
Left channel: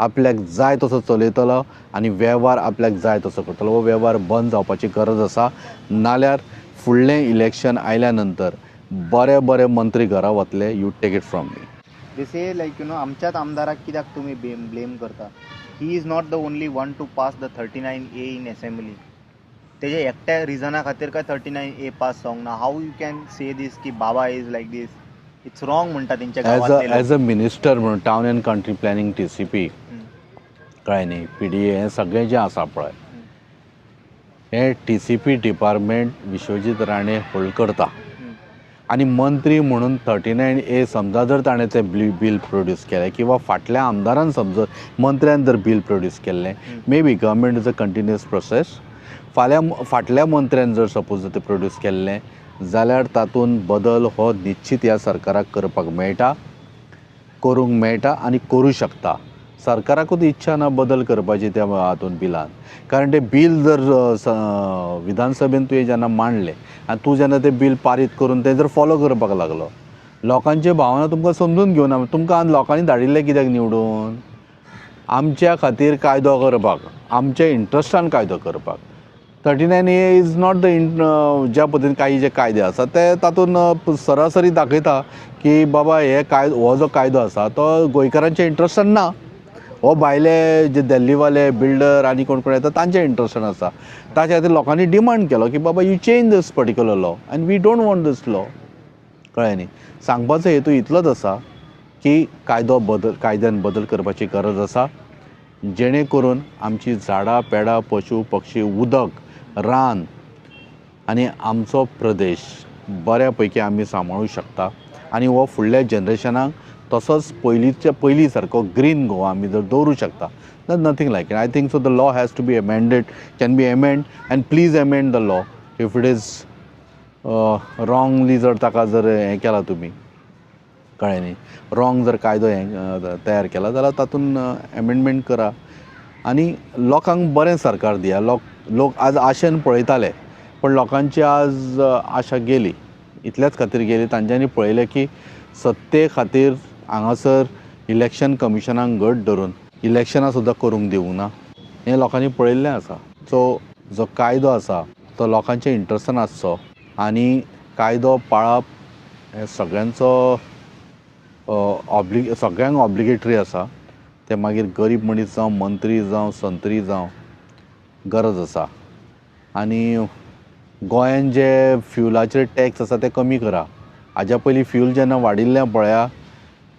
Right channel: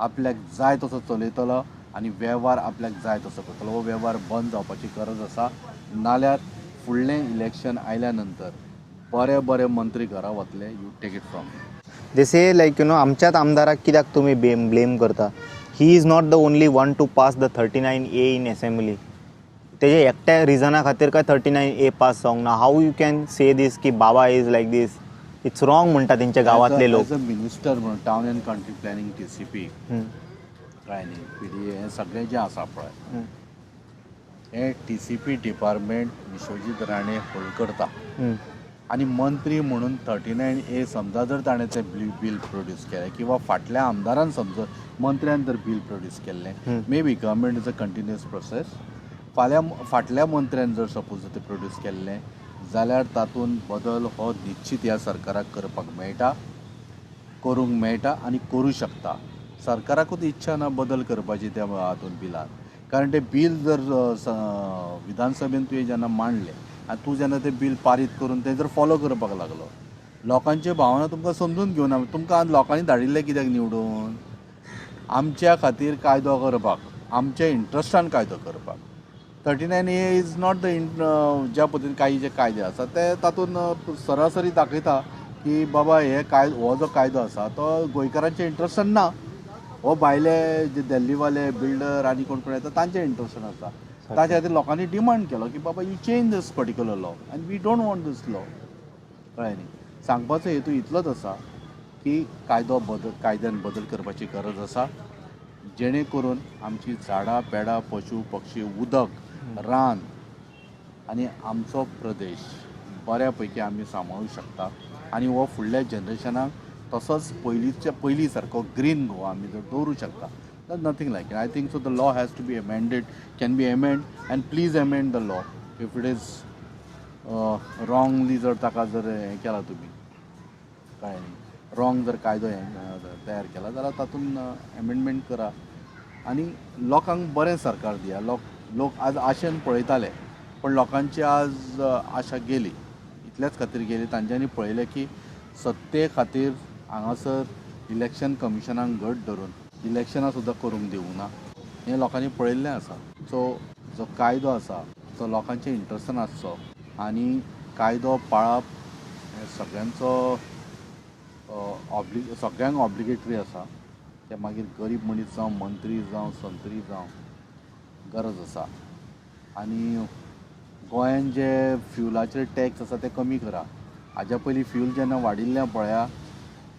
आपल्याक जाय तसो चलयतलो आनी वेव्हार आपल्याक जाय तसो करतलो. हो वेव्हार बंद जावपाची गरज आसा. नाल्यार फुडलें इलेक्शन आयल्या नंतर बरे मंत्री घरा वतले. You take it from me. They say like आमच्याच आमदाराक कित्याक तुमी ब्लेम करता. He is not the only one to pass the 39A in assembly. तेजे एकट्या रिजना खातीर काय 39A पास जावंक ना. How you can say this की बाबा is like this. It's wrong म्हणटा तेंच्या गांवांतले लोक. एज अ मिनिस्टर म्हणून town and country planning TCP कळ्ळें न्ही, PDA हें सगळें जें आसा पळय हें TCP department Vishwajit Rane hold करता. आनी मंत्री म्हणून 39A समजा जर ताणें तें बील प्रोड्यूस केलें किंवा फाटल्या आमदारान समजा मंत्र्यान जर बील प्रोड्यूस केल्लें, may be government is a continuous process. फाटल्या मंत्र्यान जर सपोज तें प्रोड्यूस केल्लें जाल्यार तातूंत बदल हो निश्चित ह्या सरकाराक करपाक मेळटा, करूंक मेळटा आनी करूं शकता. सरकाराकूच इच्छा ना बदल करपाची त्या हातून बिलान. कारण ते बिल जर विधानसभेन तुवें जेन्ना मांडलें आनी तूं जेन्ना तें बिल पारीत करून तें जर फॉलो करपाक लागलो, लोकांचे भावना तुमकां समजून घेवना. तुमकां आनी लोकांनी धाडिल्लें कित्याक निवडून? आमच्या खातीर कायदो करपाक, आमच्या इंट्रस्टान कायदो करपाक. 39A इज नॉट द ज्या पद्दतीन काही जे कायदे आसा ते तातूंत सरासरी दाखयता की बाबा हो जो कायदो आसा तो गोंयकारांच्या इंट्रस्टान ना. हो भायले जे दिल्लीवाले बिल्डर आनी कोण कोण येता तांच्या इंट्रस्टान आसा. ताच्या खातीर लोकांनी डिमांड केलो की बाबा you change this particular law and we don't want this law. कळ्ळें न्ही? सांगपाचो हेतू इतलोच आसा की कायद्यान बदल करपाची गरज आसा, जेणे करून आमची झाडां पेडां पशु पक्षी उदक रान आनी आमचो प्रदेश बऱ्या पैकी आमी सांबाळूं शकता. आनी हो फुडल्या जनरेशनाक तसोच पयलीं सारको ग्रीन गोवा आमी जर दवरूं शकता. Nothing like it. I think so the law has to be amended, can be amend and please amend the law. If it is wrongly जर ताका जर हें केलां तुमी, कळ्ळें न्ही, रॉंग जर कायदो तयार केला जाल्यार तातूंत अमेंडमेंट करा आनी लोकांक बरें सरकार दिया. लोक आज आशेन पळयताले पण लोकांची आज आशा गेली. इतल्याच खातीर गेली तांच्यांनी पळयलें की सत्ते खातीर हांगासर इलेक्शन कमिशनाक घट धरून इलेक्शनां सुद्दां करूंक दिवंक ना. हें लोकांनी पळयल्लें आसा. सो जो कायदो आसा तो लोकांच्या इंट्रस्टान आसचो आनी कायदो पाळप हें सगळ्यांचो सगळ्यांक ऑब्लिगेटरी आसा. ते मागीर गरीब मनीस जावं, मंत्री जावं, संत्री जावं, गरज आसा. आनी गोंयान जे फ्युलाचेर टॅक्स आसा ते कमी करा. हाज्या पयलीं फ्यूल जेन्ना वाडिल्लें पळया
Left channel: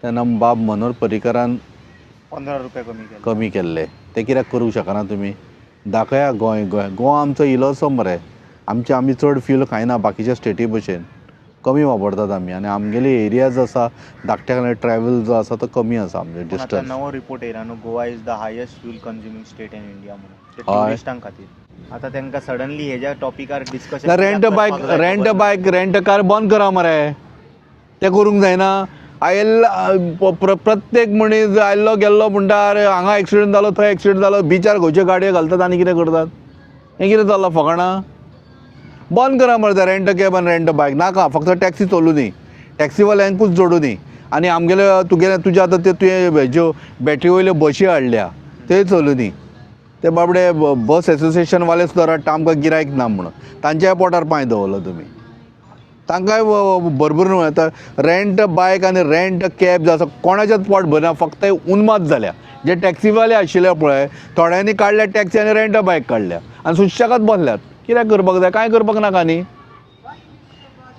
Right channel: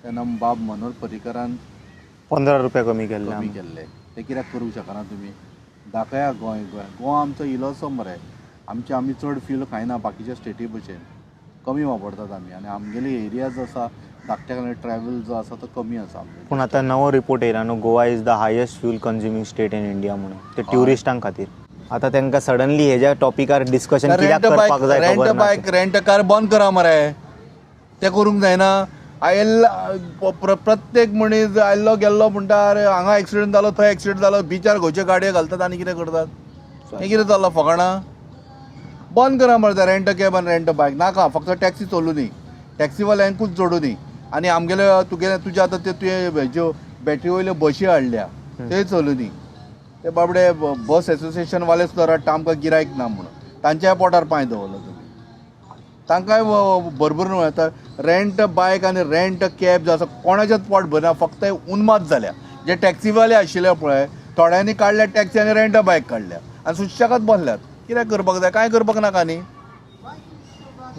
तेन्ना बाब मनोहर पर्रीकरान 15 रुपया कमी केल्ले. ते कित्याक करूंक शकना तुमी? दाखया गोवा आमचो इलोसो मरे. आमी चड फ्यूल खायना बाकीच्या स्टेटी भशेन. कमी वापरतात आमी आनी आमगेले एरिया जो आसा धाकट्या ट्रॅव्हल जो आसा तो कमी आसा. पूण आतां नवो रिपोर्ट येयला न्हू, Goa is the highest fuel consuming state in India म्हणून, ते ट्युरिस्टांक खातीर. आतां तांकां सडनली हेज्या टॉपिकार डिस्कशन रेंट कार बंद करा मरे. ते करूंक जायना. प्रत्येक मनीस आयल्लो गेल्लो म्हणटा अरे हांगा एक्सिडेंट जालो, थंय एक्सिडेंट जालो, बिचार खंयच्यो गाडयो घालतात आनी कितें करतात. हें कितें जाल्लो फकाणां? बंद करा मरे ते रेंट कॅब आनी रेंट बायक. नाका, फक्त टॅक्सी चलू दी, टॅक्सीवाल्यांकूच जोडूं दी. आनी आमगेले तुज्या आतां तुवें ज्यो बॅटरी वयल्यो बशी हाडल्या ते चलू दी. ते बाबडे बस एसोसिएशनवाले सुद्दां रडटा आमकां गिरायक ना म्हणून. तांच्याय पोटार पांय दवरलो तुमी. तांकांय भरभरून येता. रेंट बायक आनी रेंट कॅब जो आसा कोणाचेंच पोट भरना, फक्त उन्माद जाल्या. जे टॅक्सीवाले आशिल्ले पळय थोड्यांनी काडल्या टॅक्सी आनी रेंट बायक काडल्या आनी सुशेगाद बसल्यात. कित्याक करपाक जाय? कांय करपाक नाका न्ही.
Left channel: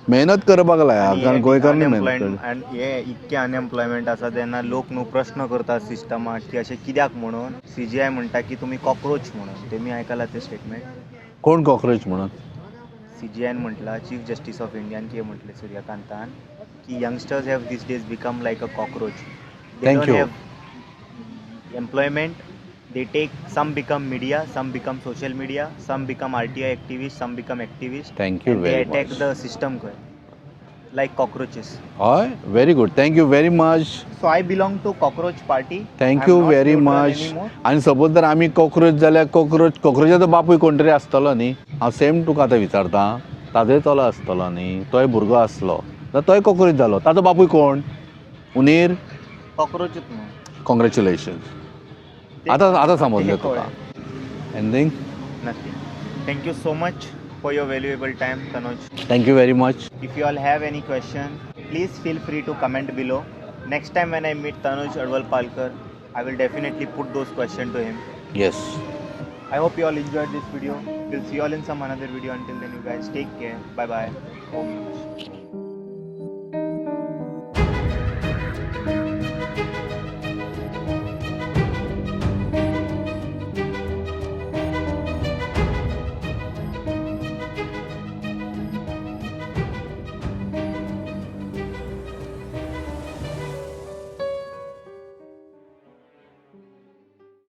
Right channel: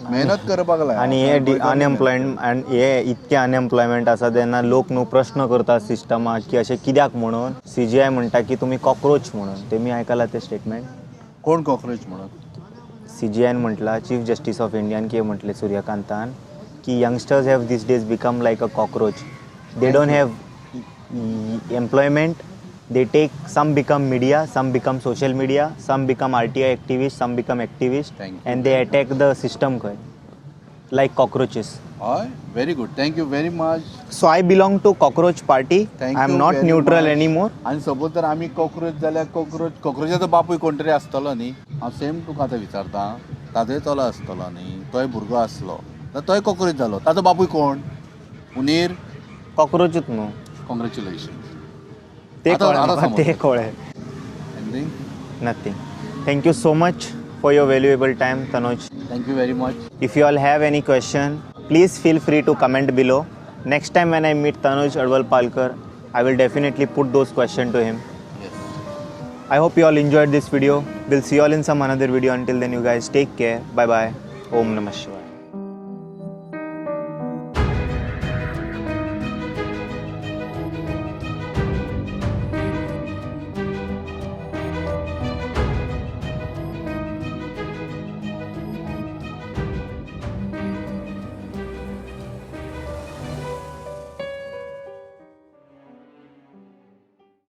मेहनत करपाक लाय. अनएम्प्लॉयमेंट हे इतके अनएम्प्लॉयमेंट आसा तेन्ना लोक न्हू प्रश्न करतात सिस्टमाक की अशें कित्याक म्हणून. CGI म्हणटा की तुमी कॉक्रोच म्हणून. तेमी आयकलां ते स्टेटमेंट? कोण कॉक्रोच म्हणून? CGI म्हटला, चीफ जस्टिस ऑफ इंडियान कितें म्हटलें सूर्यकांतान की youngsters have these days become like a cockroach. They don't have employment. They take, some become media, some become social media, some become RTI activists, some become activists. Thank you and they very attack much. the system like cockroaches. हय, very good. Thank you very much. So I belong to cockroach party. Thank I'm you not very neutral much. anymore. आनी suppose जर आमी cockroach जाल्यार कॉक्रोचाचो बापूय कोण तरी आसतलो न्ही. हांव सेम तुका आतां विचारता. ताजोय चलो आसतलो न्ही, तोय भुरगो आसलो जाल्यार तोय कॉक्रोच जालो. ताजो बापूय कोण? उनेर कॉक्रोचूच न्हू. कॉंग्रॅच्युलेशन. ते आता समजलें. कळ्ळें. Anything? Nothing. Thank you so much for your valuable time, Tanuj. Thank you very much. If you all have any question, please feel free to comment below. Next time when I meet Tanuj Advalpalkar, I will definitely put those questions to him. Yes. I hope you all enjoyed this video. We'll see you all in some another video. Until then, you guys take care. Bye bye. Om Namah Shivaya.